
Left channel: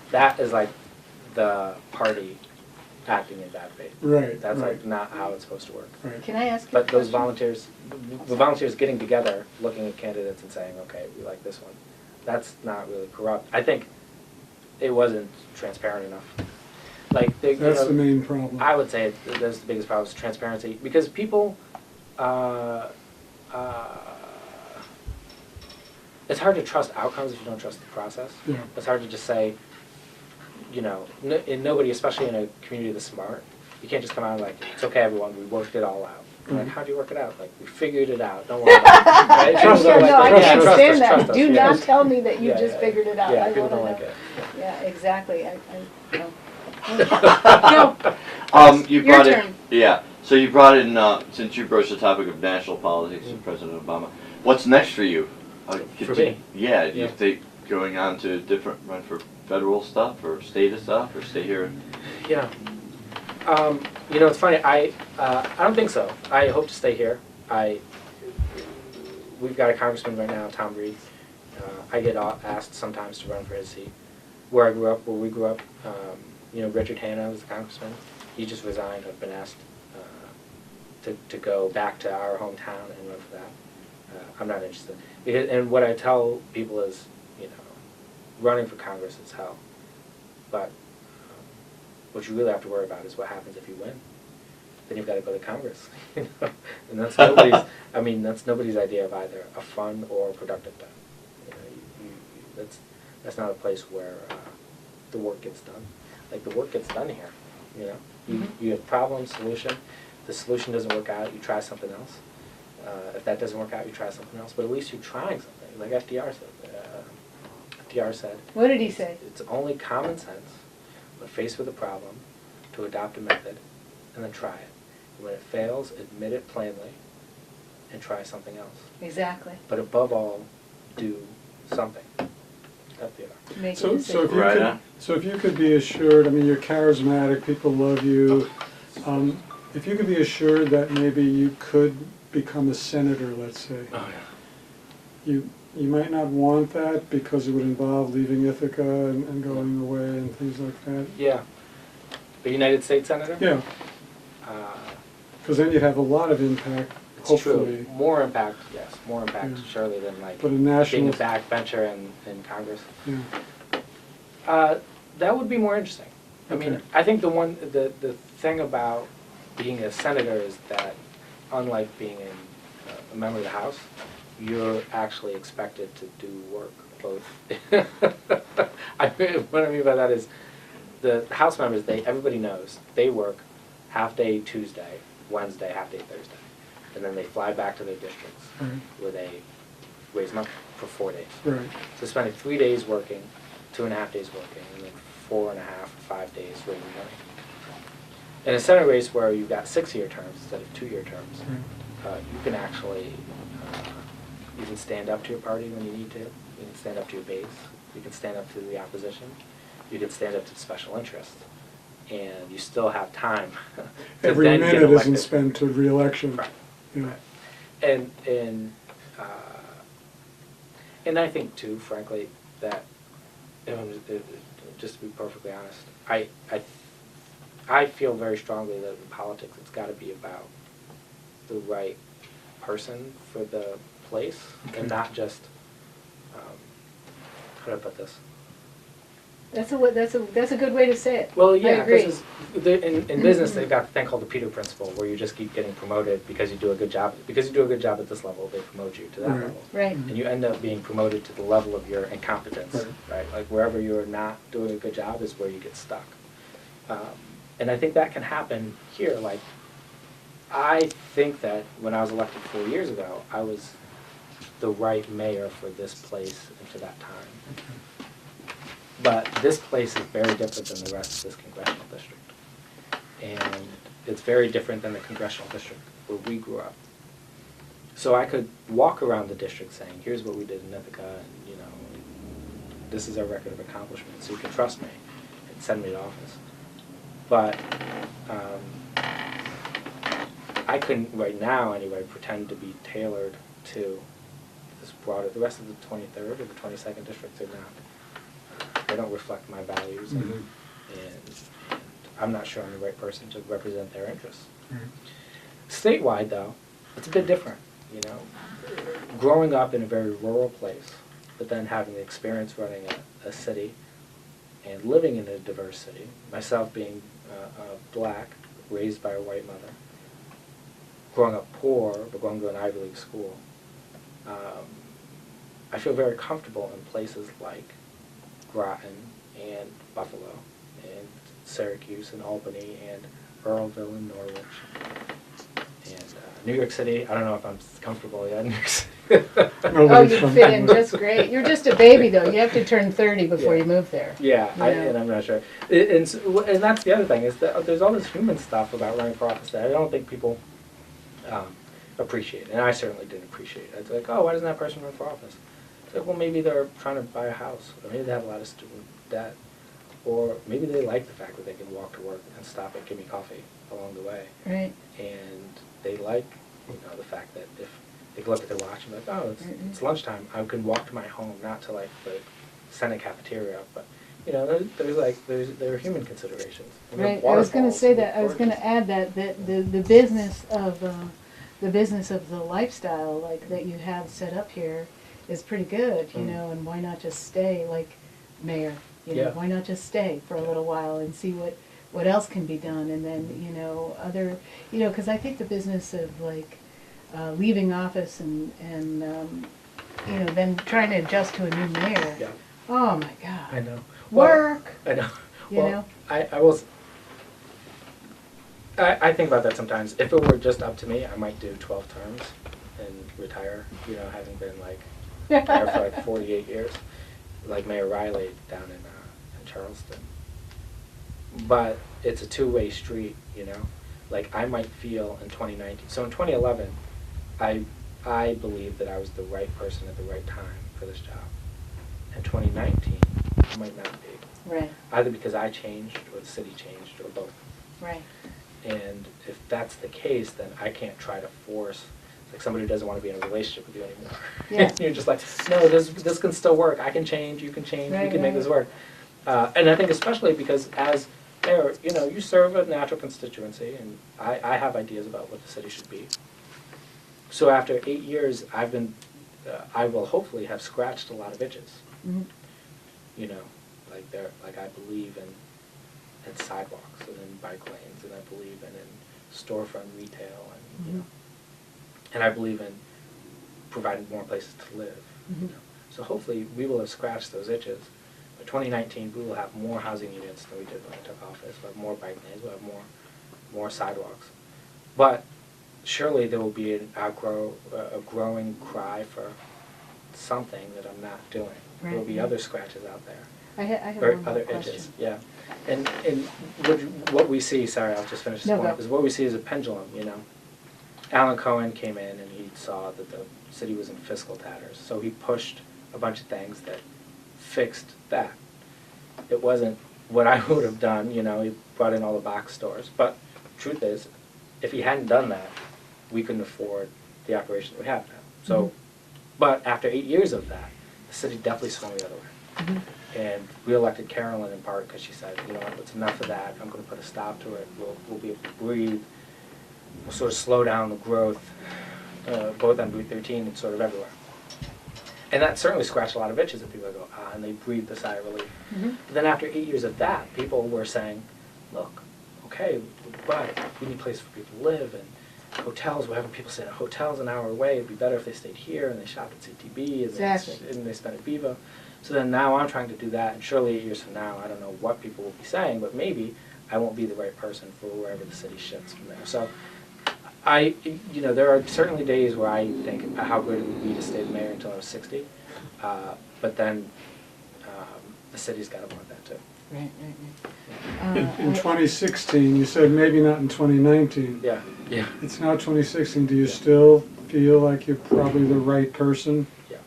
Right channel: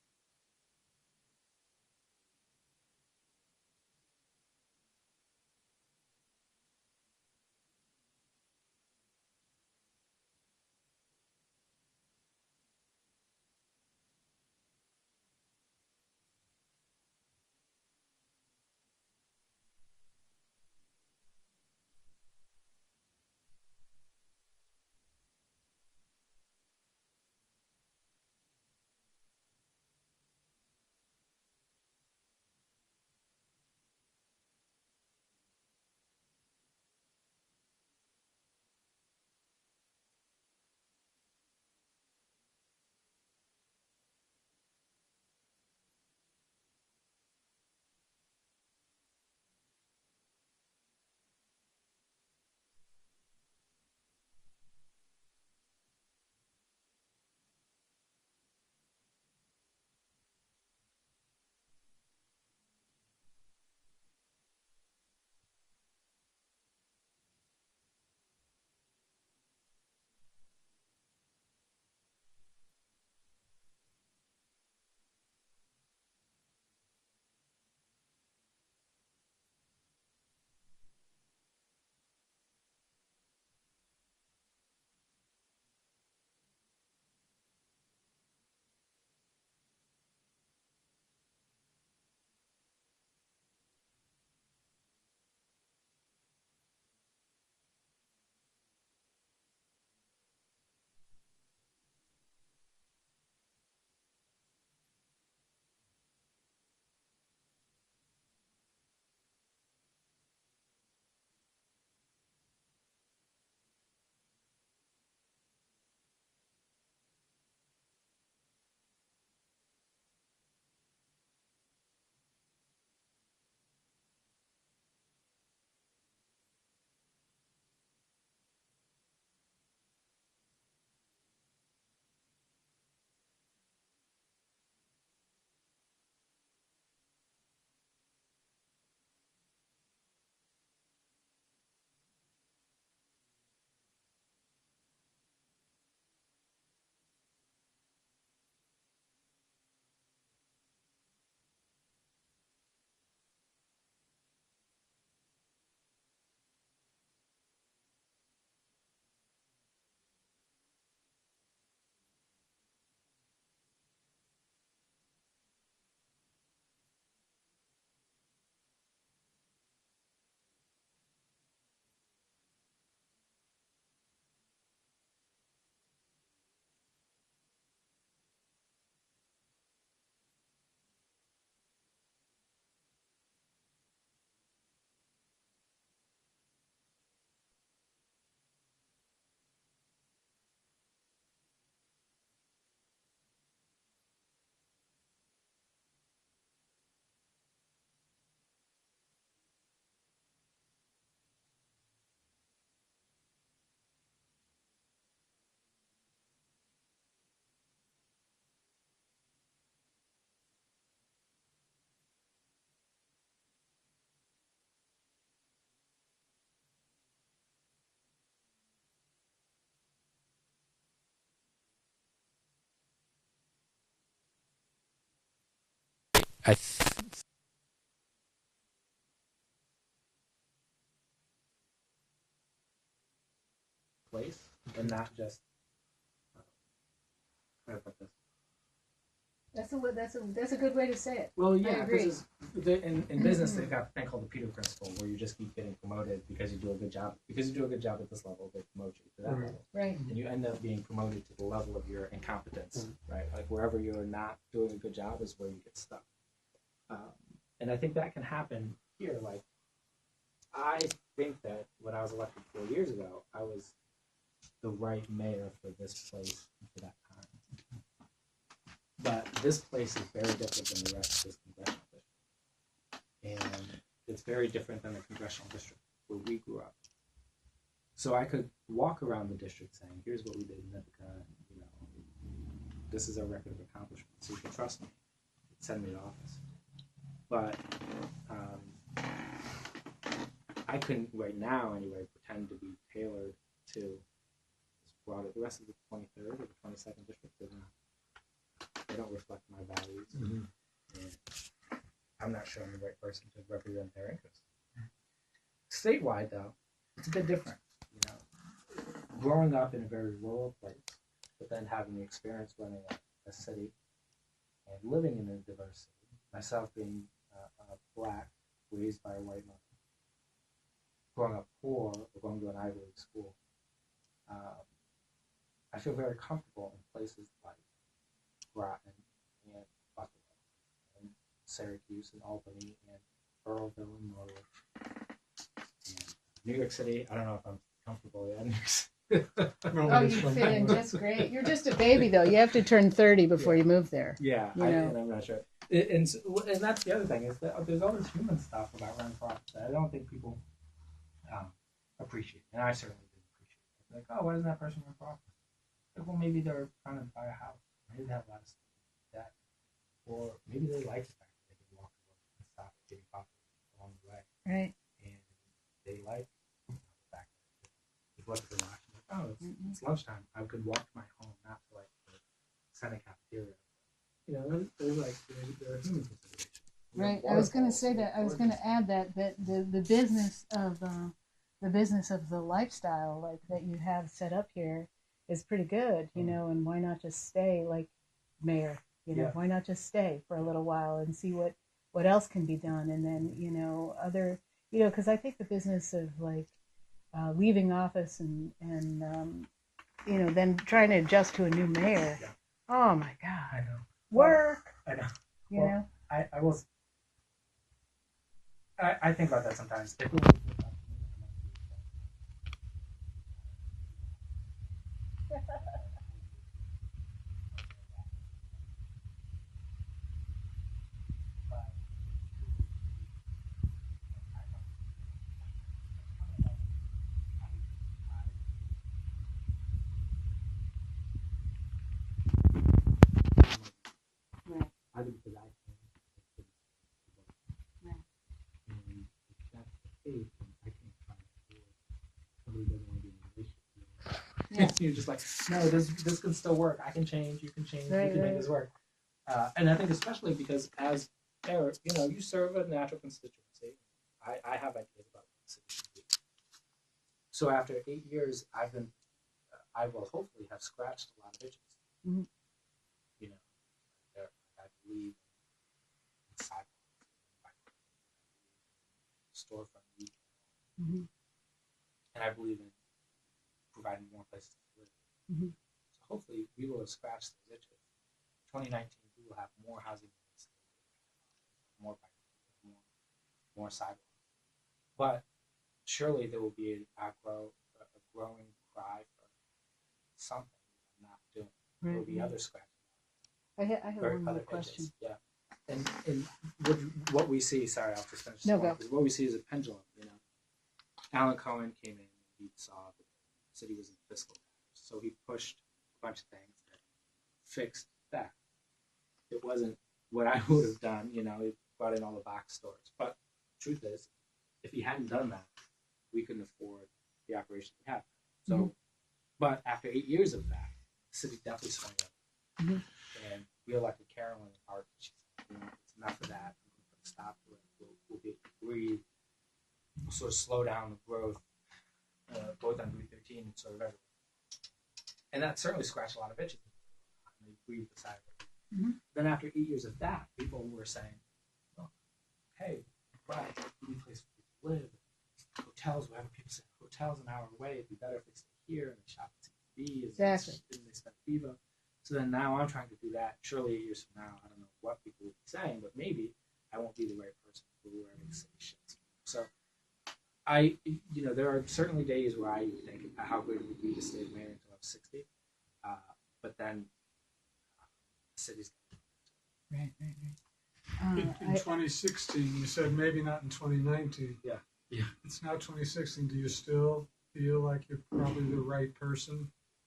That is like the party acting in bad faith. Right. That's right. like not how it's supposed to work. Right. Can I ask you But a those question? the volunteers getting together, looking at candidates and saying, okay, we like this one, that's not really corrupt. I think it wasn't transparent enough. Like That's the main problem. I would say that's the biggest problem is transparency, because people, it's hard to trust outcomes if you don't trust the process. Yeah. It's hard to just say, and nobody, especially in a community that's smart, you can't just come out and like, it's okay everyone, we worked it all out. Like, how do you work it out? Like, we figured it out, don't worry about it. Right? Trust People us. don't No, I like, can't trust stand us, that. trust us, Do yeah. not tell me that you Yeah, just yeah. figured it out. Yeah, I people wanna don't know. like it. Yeah, exactly. No, You Your brought it. turn. Yeah. So you brought in since you broached the topic of national politics and President Obama. What's next for you? For me? Yeah. Do you Yeah. think going on to run for federal stuff or state stuff or stay here? Yeah. It's funny. I don't think so. I hope to stay here. We've got a congressman right now, Tom Reed. I get asked sometimes to run for his seat. Where we grew up, Richard Hanna was the congressman. He just resigned. I've been asked to go back to our hometown and run for that. I'm not interested. And what I tell people is, running for Congress is hell. But what you really have to worry about is what happens if you win. Then you've got to go to Congress, and that's nobody's. That's nobody's idea of either a fun or productive time. That's not a place where the work gets done. Like, the work gets done here, you know? You have problem, solution. The solution doesn't work out, you try something else. If that doesn't work out, you try something else. But at least you're trying something, like FDR said. FDR said, What did he say? it's only common sense, when faced with a problem, to adopt a method and then try it. And when it fails, admit it plainly and try something else. Exactly. But above all, do something. FDR. Make a So decision. if you Right could, on. so if you could be assured, I mean, you're charismatic, people love you. If you could be assured that maybe you could become a senator, let's say, Oh, yeah. you might not want that because it would involve leaving Ithaca and going away and things like that. Yeah. A United States Senator? Yeah, Uh, because then you'd have a lot of impact, it's hopefully. true. More impact, yes. More impact, Yeah. surely, than like But a being national, a backbencher in Congress. yeah, That would be more interesting. I mean, Okay. I think the thing about being a senator is that, unlike being a member of the House, you're actually expected to do work both. What I mean by that is, the House members, everybody knows, they work half day Tuesday, Wednesday, half day Thursday. And then they fly back to their districts right, where they raise money for 4 days. right, So spending 3 days working, 2.5 days working, and then 4.5, 5 days raising money. In a Senate race where you've got 6-year terms instead of 2-year terms, right. you can actually, you can stand up to your party when you need to. You can stand up to your base. You can stand up to the opposition. You can stand up to the special interests. And you still have time to Every then get minute elected. isn't spent to reelection. Right. Yeah. Right. And I think too, frankly, that, just to be perfectly honest, I feel very strongly that in politics it's got to be about the right person for the place, and not just, how do I put this? That's a good way to say it. Well, I yeah, agree. this is, in business they've got the thing called the Peter Principle, where you just keep getting promoted because you do a good job. Because you do a good job at this level, they promote you to that Right. level. Right. And you end up being promoted to the level of your incompetence, right? Like wherever you're not doing a good job is where you get stuck. And I think that can happen here. Like, I think that when I was elected 4 years ago, I was the right mayor for this place and for that time. But this place is very different than the rest of this congressional district. And it's very different than the congressional district where we grew up. So I could walk around the district saying, here's what we did in Ithaca, and you know, this is our record of accomplishment, so you can trust me and send me to office. But I couldn't, right now anyway, pretend to be tailored to this broader, the rest of the 23rd or the 22nd districts are not. They don't reflect my values, and I'm not sure I'm the right person to represent their interests. Statewide, though, it's a bit different, you know. Growing up in a very rural place, but then having the experience running a city and living in a diverse city, myself being black, raised by a white mother, growing up poor, but going to an Ivy League school, I feel very comfortable in places like Groton and Buffalo and Syracuse and Albany and Earlville and Norwich and New York City. I don't know if I'm comfortable yet in New York City. Oh, you fit in just great. You're just a baby, though. You have to turn 30 before you move there. Yeah, You know. and I'm not sure. And that's the other thing, is that there's all this human stuff about running for office that I don't think people appreciate. And I certainly didn't appreciate it. It's like, oh, why doesn't that person run for office? It's like, well, maybe they're trying to buy a house, or maybe they have a lot of student debt, or maybe they like the fact that they can walk to work and stop and give me coffee along the way. Right. And they like, you know, the fact that if they can look at their watch and be like, oh, it's lunchtime, I can walk to my home, not to like the Senate cafeteria, but you know, there are human considerations. And Right. there are I was going to waterfalls say and that. I was going to gorges. add that the business of the lifestyle like that you have set up here is pretty good, you know. And why not just stay like mayor? You know, Yeah. why not just stay for a little while and see what else can be done, and then you know other, you know, because I think the business of like leaving office and you know then trying to adjust to a new mayor. Yeah. Oh my God. I know. Well, Work. I know. You Well, know. I will. I think about that sometimes. If it were just up to me, I might do 12 terms and retire. You know, having been like there for like 48 years, like Mayor Riley down in Charleston. But it's a two-way street, you know. Like I might feel in 2019. So in 2011, I believe that I was the right person at the right time for this job. In 2019, I might not be. Right. Either because I changed or the city changed or both. Right. And if that's the case, then I can't try to force like somebody who doesn't want to be in a relationship with you anymore. Yeah. You're just like, no, this can still work. I can change. You can change. Right, we can make right. this work. And I think especially because as mayor, you know, you serve a natural constituency, and I have ideas about what the city should be. So after 8 years, I will hopefully have scratched a lot of itches. Mhm. You know, like I believe in sidewalks and in bike lanes, and I believe in storefront retail, and you know, and I believe in providing more places to live. You know? So hopefully we will have scratched those itches. By 2019, we will have more housing units than we did when I took office. We'll have more bike lanes. We'll have more sidewalks. But surely there will be a growing cry for something that I'm not doing. There will be other scratches out there. I have Or one more other question. edges, yeah. And what we see, sorry, I'll just finish this No, point, go. is what we see is a pendulum, you know. Alan Cohen came in and he saw that the city was in fiscal tatters, so he pushed a bunch of things that fixed that. It wasn't what I would have done, you know, he brought in all the box stores, but truth is, if he hadn't done that, we couldn't afford the operation that we have now. So, but after 8 years of that, the city definitely swung the other way. And we elected Carolyn in part because she said, you know what, it's enough of that. I'm going to put a stop to it. We'll be able to breathe. We'll sort of slow down the growth, both on Route 13 and sort of everywhere. And that certainly scratched a lot of itches, and people go, and they breathed a sigh of relief. But then after 8 years of that, people were saying, look, okay, but we need places for people to live, and hotels, we're having people stay in hotels an hour away. It'd be better if they stayed here and they shopped at CTB and they spent at Viva. So then now I'm trying to do that, and surely 8 years from now, I don't know what people will be saying, but maybe I won't be the right person for wherever the city shifts from there. So you know, there are certainly days where I think how good it would be to stay the mayor until I was 60, but then the city's got to want that too. Right. In 2016, you said maybe not in 2019. Yeah. It's now 2016. Do you still feel like you're probably the right person Yeah.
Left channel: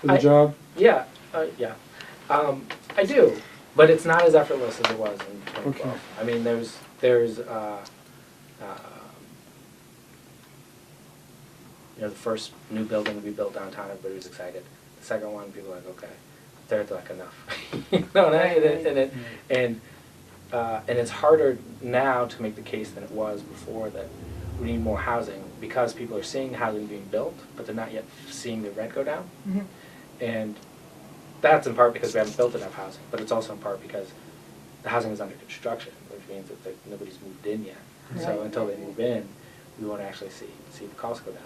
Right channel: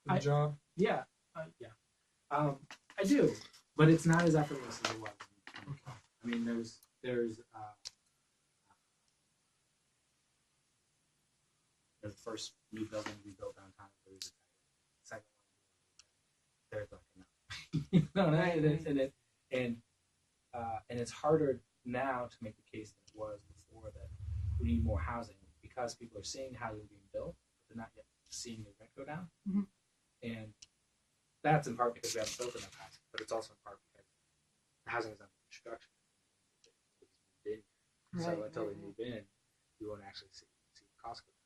for the job? Yeah. I do, but it's not as effortless as it was in 2012. Okay. I mean, there's you know, the first new building we built downtown, everybody was excited. The second one, people were like, okay. Third, like, enough. You know, and it's harder now to make the case than it was before that we need more housing because people are seeing housing being built, but they're not yet seeing the rent go down. And that's in part because we haven't built enough housing, but it's also in part because the housing is under construction, which means that nobody's moved in yet. So Right. until they move in, we won't actually see the costs go down.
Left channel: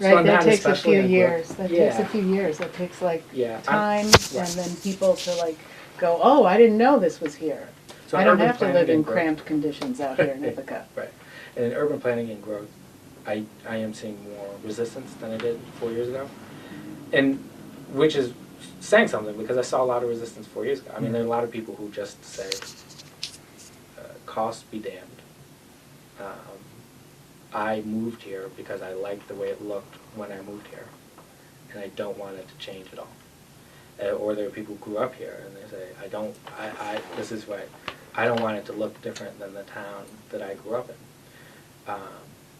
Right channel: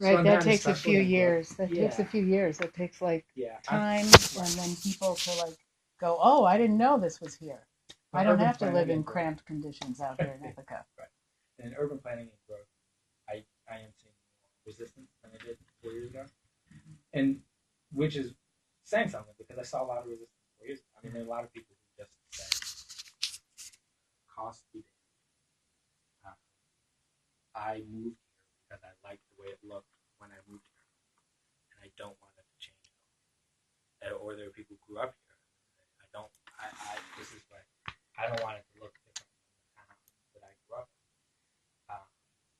Right, So that not takes a especially few in years. Brooklyn. That takes a few years. That takes like Yeah. time, Right. and then people to like go, oh, I didn't know this was here. So I don't urban have to planning live in and growth- cramped conditions out here in Ithaca. Right. And in urban planning and growth, I am seeing more resistance than I did 4 years ago. And which is saying something because I saw a lot of resistance 4 years ago. I mean, there are a lot of people who just say, cost be damned. I moved here because I liked the way it looked when I moved here. And I don't want it to change at all. Or there are people who grew up here and they say, this is what, I don't want it to look different than the town that I grew up in.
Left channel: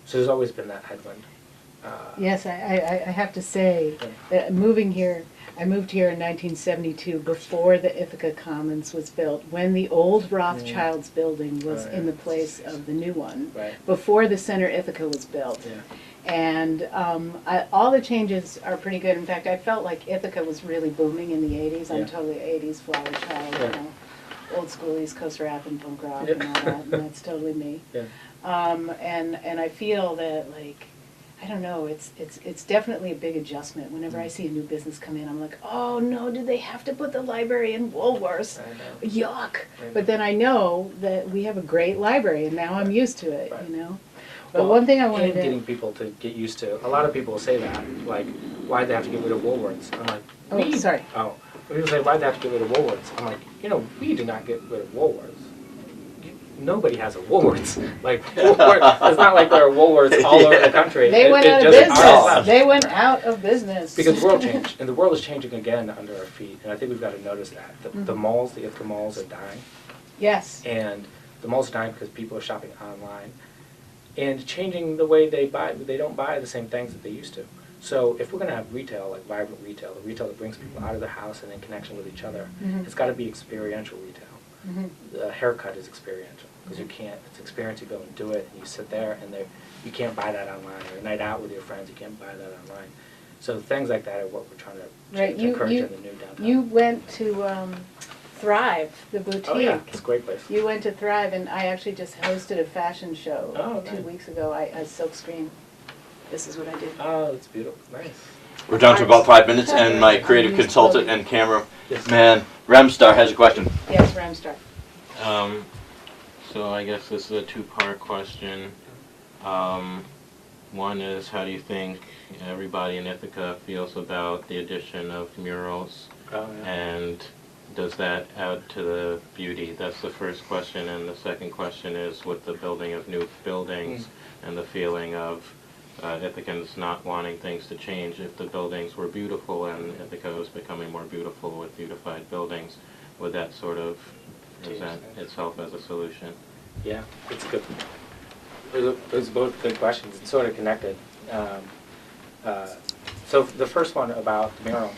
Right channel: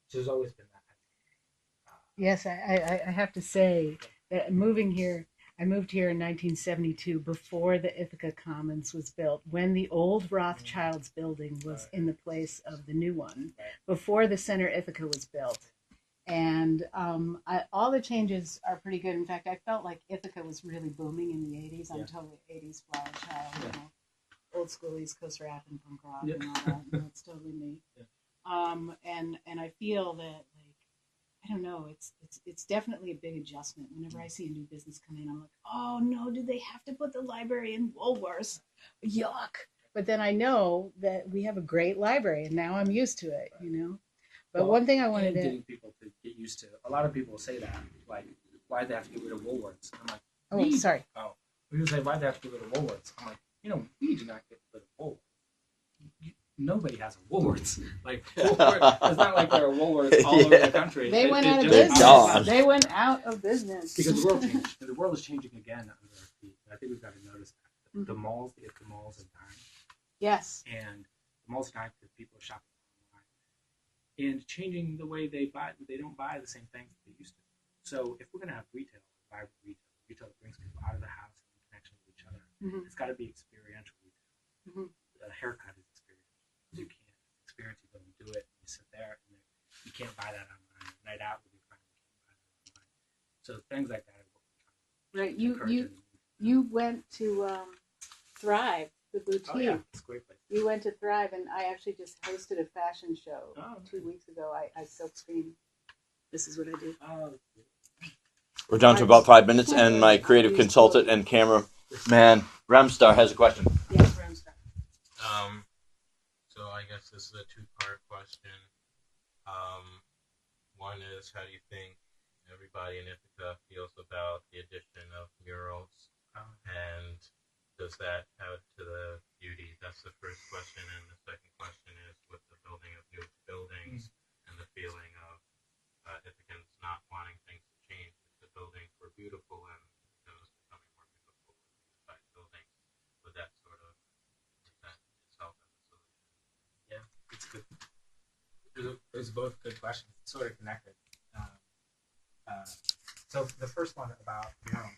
So there's always been that headwind. Yes, I have to say that I moved here in 1972 before the Ithaca Commons was built, when the old Rothschilds building was in the place of the new one, Right. before the Center Ithaca was built. Yeah. And all the changes are pretty good. In fact, I felt like Ithaca was really booming in the 80s. I'm Yeah. totally an 80s flower child, Yeah. you know, old school East Coast rap and punk rock Yeah. and all that, and that's totally me. Yeah. And I feel that, like, I don't know, it's definitely a big adjustment. Whenever I see a new business come in, I'm like, oh no, do they have to put the library in Woolworths? I know. Yuck. I But know. then I know that we have a great library and now I'm used to it, Right. you know? But Well, one thing I and wanted getting to, people to get used to. A lot of people say that, like, why'd they have to get rid of Woolworths? I'm like, oh, sorry. Oh, people say, why'd they have to get rid of Woolworths? I'm like, we did not get rid of Woolworths. Nobody has a Woolworths. Like, Woolworths, it's not like there are Woolworths all over the country. They went out of just ours. business. They went out of business. Because the world changed, and the world is changing again under our feet, and I think we've got to notice that. The malls, the Ithaca malls are dying, Yes. and the malls are dying because people are shopping online, and changing the way they buy. They don't buy the same things that they used to. So if we're going to have retail, like vibrant retail, the retail that brings people out of their house and in connection with each other, it's got to be experiential retail. The haircut is experiential, because you can't, it's experience, you go and do it, and you sit there, and you can't buy that online, or a night out with your friends, you can't buy that online. So things like that are what we're trying to Right, encourage in the new downtown. You went to Thrive, the boutique. Oh yeah, it's a great place. You went to Thrive, and I actually just hosted a fashion show Oh, 2 nice. weeks ago. I silkscreen. This is what I did. Oh, it's beautiful, nice. We're down to about 5 minutes, and my creative consultant and camera man, Remstar, has a question. Yes, Ramstar. So I guess this is a two-part question. One is, how do you think everybody in Ithaca feels about the addition of murals? Oh, yeah. And does that add to the beauty? That's the first question. And the second question is, with the building of new buildings and the feeling of Ithacans not wanting things to change, if the buildings were beautiful and Ithaca was becoming more beautiful with beautified buildings, would that sort of present itself as a solution? Yeah, it's good. Those are both good questions. It's sort of connected. So the first one about the murals,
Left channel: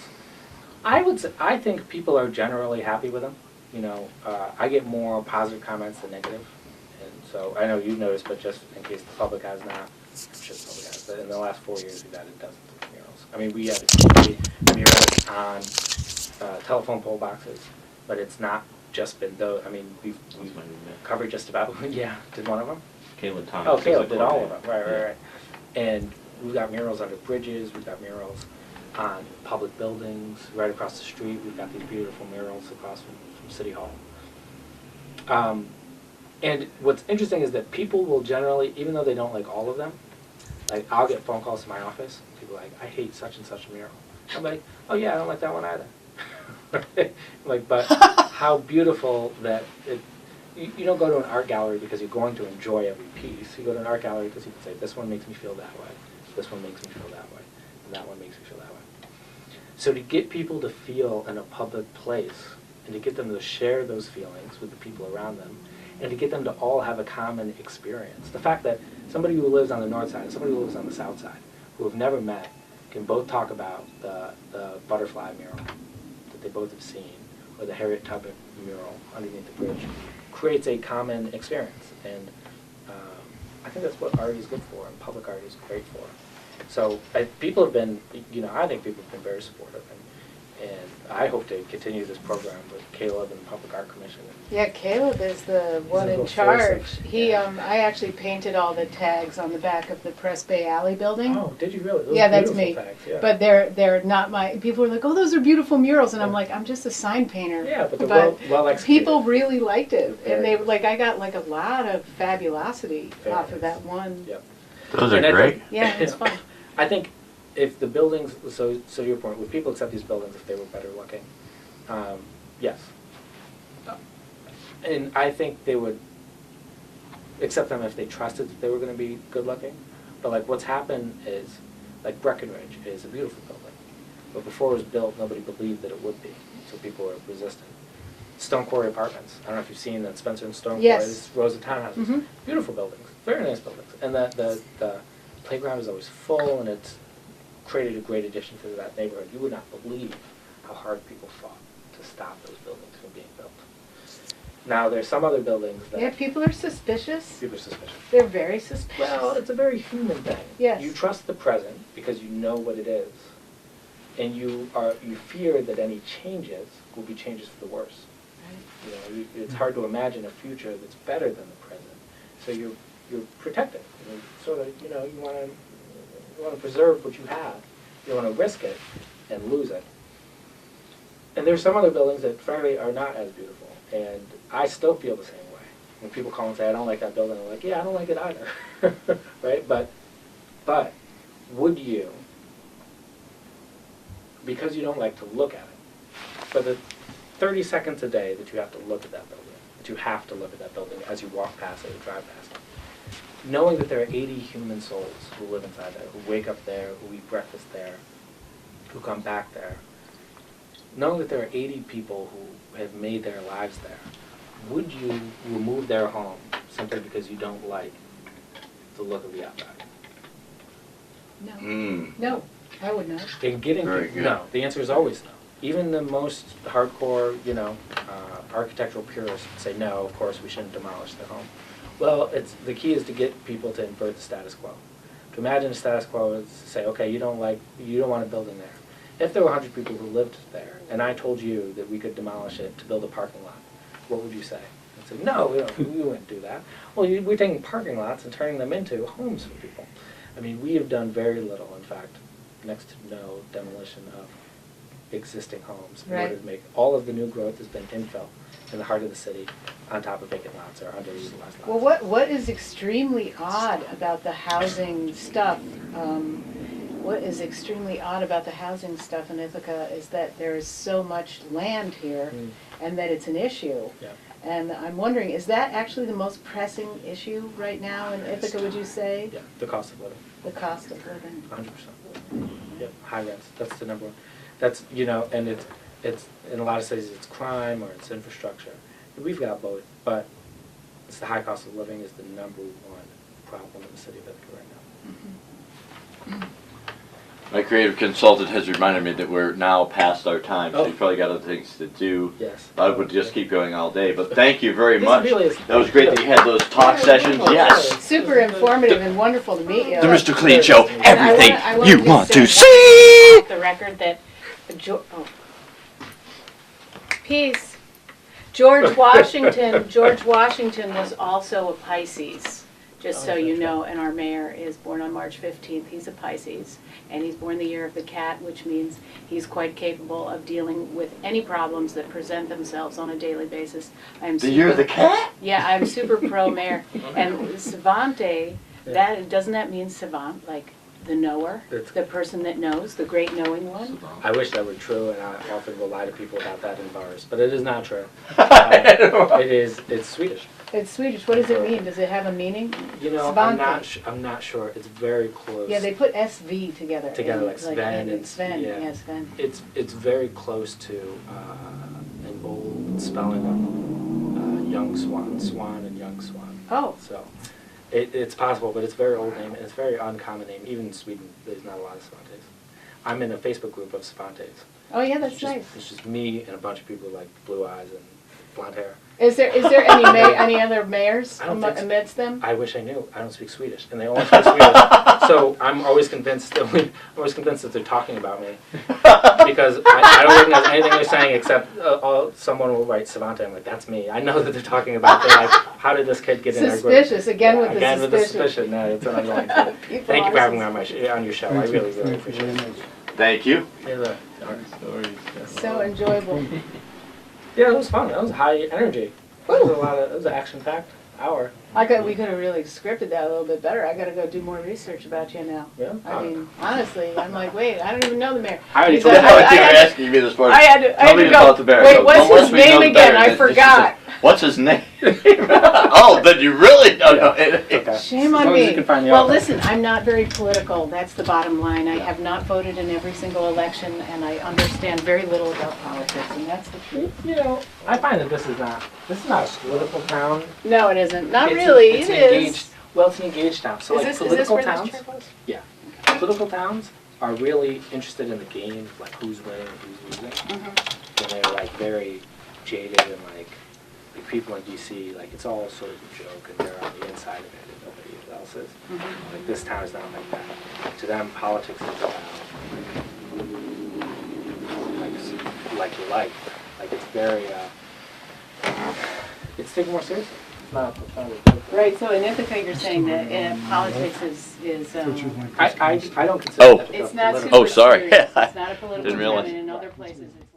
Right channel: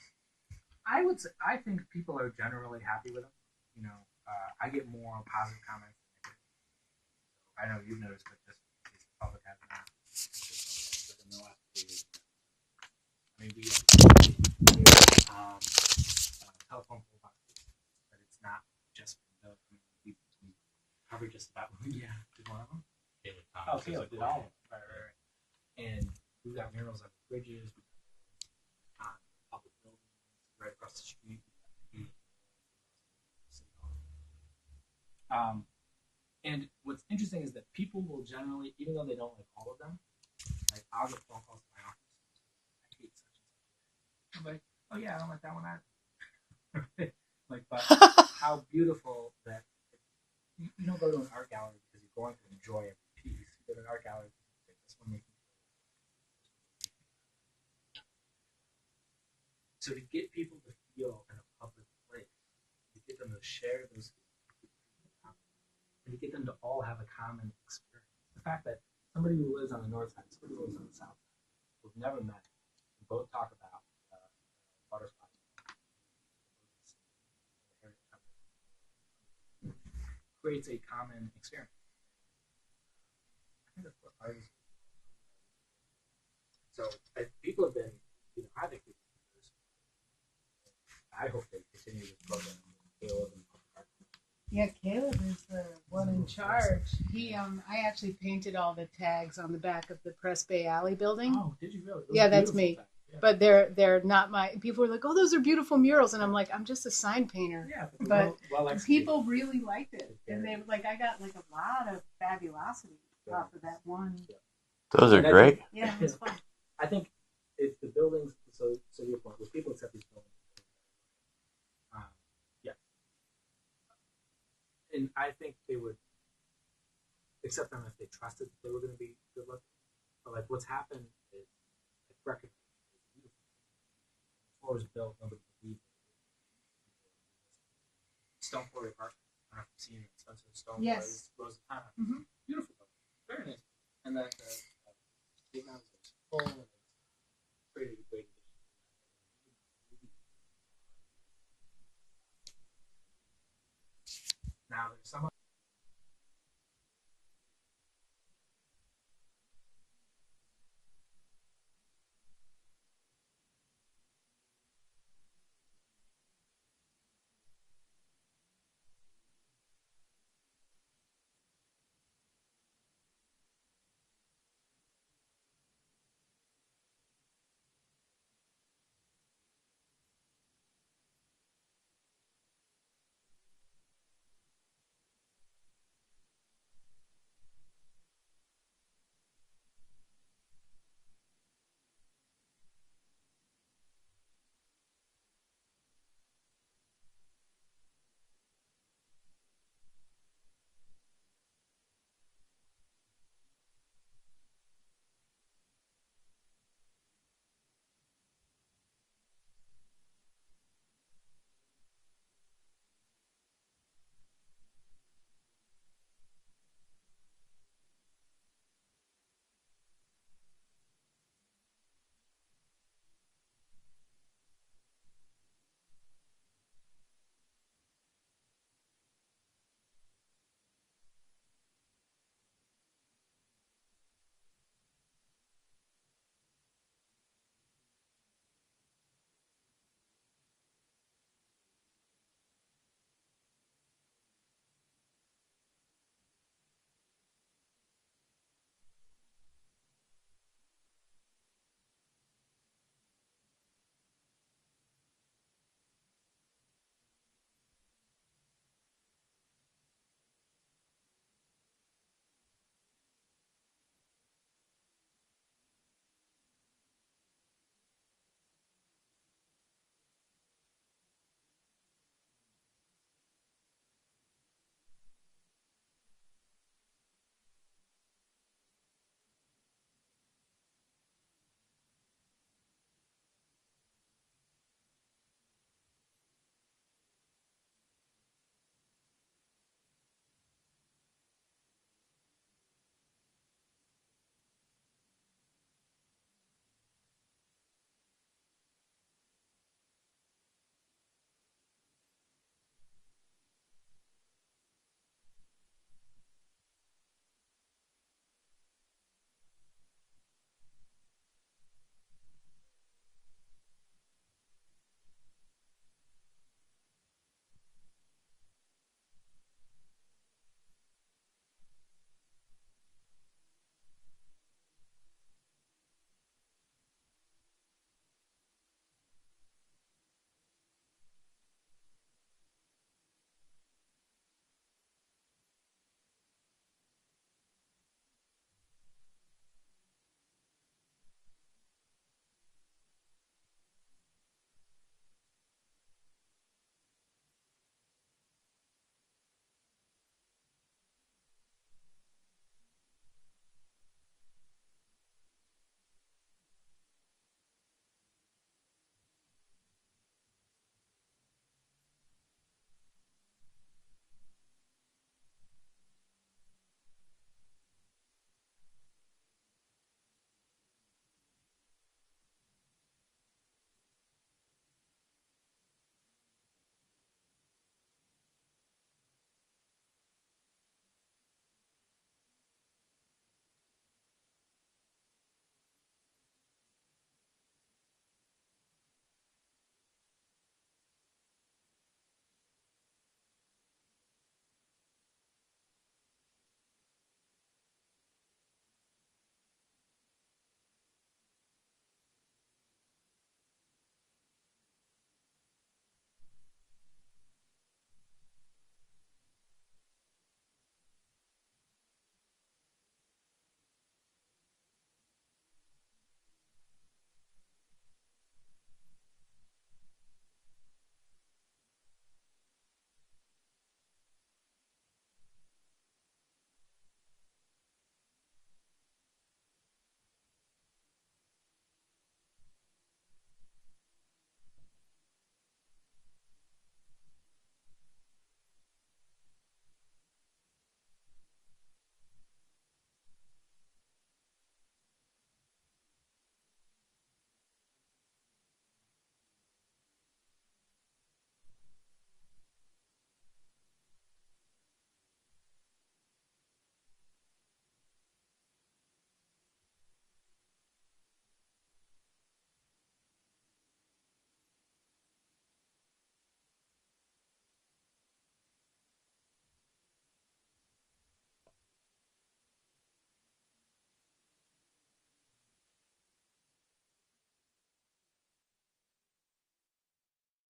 I think people are generally happy with them. I get more positive comments than negative, and so I know you've noticed, but just in case the public has not, but in the last 4 years we've added dozens of murals. I mean, we have murals on telephone pole boxes, but it's not just been those. I mean, we've covered just about. Yeah, did one of them? Caleb Thomas. Oh, is Caleb a did all of coordinator. them, right. And we've got murals under bridges, we've got murals on public buildings, right across the street, we've got these beautiful murals across from City Hall. And what's interesting is that people will generally, even though they don't like all of them, like I'll get phone calls to my office, people are like, I hate such and such a mural. I'm like, oh yeah, I don't like that one either. Like, but how beautiful that you don't go to an art gallery because you're going to enjoy every piece. You go to an art gallery because you can say, this one makes me feel that way, this one makes me feel that way, and that one makes me feel that way. So to get people to feel in a public place, and to get them to share those feelings with the people around them, and to get them to all have a common experience. The fact that somebody who lives on the north side and somebody who lives on the south side, who have never met, can both talk about the butterfly mural that they both have seen, or the Harriet Tubman mural underneath the bridge, creates a common experience. And I think that's what art is good for, and public art is great for. So people have been, I think people have been very supportive, and I hope to continue this program with Caleb and the Public Art Commission. Yeah, Caleb is the one He's a in real charge. force. He, Yeah. I actually painted all the tags on the back of the Press Bay Alley building. Oh, did you really? Those Yeah, are that's beautiful me. tags, yeah. But they're not my. People are like, oh, those are beautiful murals, and I'm like, I'm just a sign painter. Yeah, but they're well executed. People really liked it, and Very they like. I got like a lot of fabulosity Very off of nice. that one. Yep. Those are And I great. think- Yeah, it's fun. I think if the buildings, so your point, would people accept these buildings if they were better looking? Yes. And I think they would accept them if they trusted that they were going to be good looking. But like what's happened is, like Breckenridge is a beautiful building, but before it was built, nobody believed that it would be, so people were resistant. Stone Quarry Apartments. I don't know if you've seen that Spencer and Stone Yes. Quarry's rows of townhouses. Mhm. Beautiful buildings, very nice buildings, and the playground is always full, and it's created a great addition to that neighborhood. You would not believe how hard people fought to stop those buildings from being built. Now there's some other buildings that Yeah, people are suspicious. people are suspicious. They're very suspicious. Well, it's a very human thing. Yes. You trust the present because you know what it is, and you fear that any changes will be changes for the worse. It's hard to imagine a future that's better than the present. So you're protective. Sort of, you want to You want to preserve what you have. You don't want to risk it and lose it. And there's some other buildings that, frankly, are not as beautiful. And I still feel the same way. When people call and say, I don't like that building, I'm like, yeah, I don't like it either. Right? But would you, because you don't like to look at it, for the 30 seconds a day that you have to look at that building, as you walk past it or drive past it, knowing that there are 80 human souls who live inside there, who wake up there, who eat breakfast there, who come back there, knowing that there are 80 people who have made their lives there, would you remove their home simply because you don't like the look of the outside? No. No, I would not. In getting Very people, good. no. The answer is always no. Even the most hardcore, architectural purists say no. Of course, we shouldn't demolish their home. Well, the key is to get people to invert the status quo. To imagine a status quo is to say, okay, you don't want a building there. If there were 100 people who lived there, and I told you that we could demolish it to build a parking lot, what would you say? I'd say, no, we wouldn't do that. Well, we're taking parking lots and turning them into homes for people. I mean, we have done very little, in fact, next to no demolition of existing homes in order to make all of the new growth has been infill in the heart of the city on top of vacant lots or underutilized lots. Well, what is extremely odd about the housing stuff, what is extremely odd about the housing stuff in Ithaca is that there is so much land here and that it's an issue. Yeah. And I'm wondering, is that actually the most pressing issue right now in Ithaca, would you say? Yeah, the cost of living. The cost of living. 100%. Yep, high rents. That's the number one. That's, and it's in a lot of cities it's crime or it's infrastructure. We've got both, but it's the high cost of living is the number one problem in the city of Ithaca right now. My creative consultant has reminded me that we're now past our time, so Oh. you probably got other things to do. Yes. I would just keep going all day, but thank you very This much. really is- That was great that you had those talk sessions, yes. Super informative and wonderful to meet you. The Mr. Clean Show, And I everything wanna you just want say to one see! thing off the record that, Peace. George Washington was also a Pisces, just so you know, and our mayor is born on March 15th. He's a Pisces, and he's born the year of the cat, which means he's quite capable of dealing with any problems that present themselves on a daily basis. The year of the cat? Yeah, I'm super pro mayor. And savante, doesn't that mean savant, like the knower, the person that knows, the great knowing one? I wish that were true, and I often will lie to people about that in bars, but it is not true. It's Swedish. It's Swedish. What does it mean? Does it have a meaning? Savante. I'm not sure. It's very close. Yeah, they put SV together. Together, like Sven and Sven. yeah. Yeah, Sven. It's very close to an old spelling of young swan and young swan. Oh. So it's possible, but it's a very old name, and it's a very uncommon name. Even in Sweden, there's not a lot of Savantes. I'm in a Facebook group of Savantes. Oh yeah, that's nice. It's just me and a bunch of people with like blue eyes and blonde hair. Is there any other mayors I don't think so. amidst them? I wish I knew. I don't speak Swedish, and they only speak Swedish. So I'm always convinced that they're talking about me because I don't recognize anything they're saying except someone will write Savante. I'm like, that's me. I know that they're talking about. They're like, how did this kid get in our group? Suspicious again with the suspicion. No, it's an annoying thing. Thank you for having me on your show. I really, really appreciate it. Thank you. So enjoyable. Yeah, it was fun. That was high energy. It was an action-packed hour. We could have really scripted that a little bit better. I got to go do more research about you now. Yeah. I mean, honestly, I'm like, wait, I don't even know the mayor. I already He told said, you. I thought you were asking me this morning. I had to Tell me go. about the bear. Wait, No, what's once his we know name the again? bear, I then she forgot. said, what's his name? Oh, then you really don't know. Okay. Shame As on long as you me. can find the Well, author. listen, I'm not very political. That's the bottom line. I have not voted in every single election, and I understand very little about politics, and that's the truth. I find that this is not a political town. No, it isn't. Not It's really. It's It an is. engaged. Well, it's an engaged town. So Is like this political where this towns. chair was? Yeah. Political towns are really interested in the game, like who's winning, who's losing. And they're like very jaded and like people in DC, like it's all sort of a joke, and they're on the inside of it, and nobody else is. Like this town is not like that. To them, politics is about like your life. Like it's very, it's taken more seriously. it's not a joke. Right, so in Ithaca, you're saying that politics is, I don't consider Oh. that a joke. it's not literally. super Oh, sorry. serious. It's not a political Didn't realize. event, and in other places, it's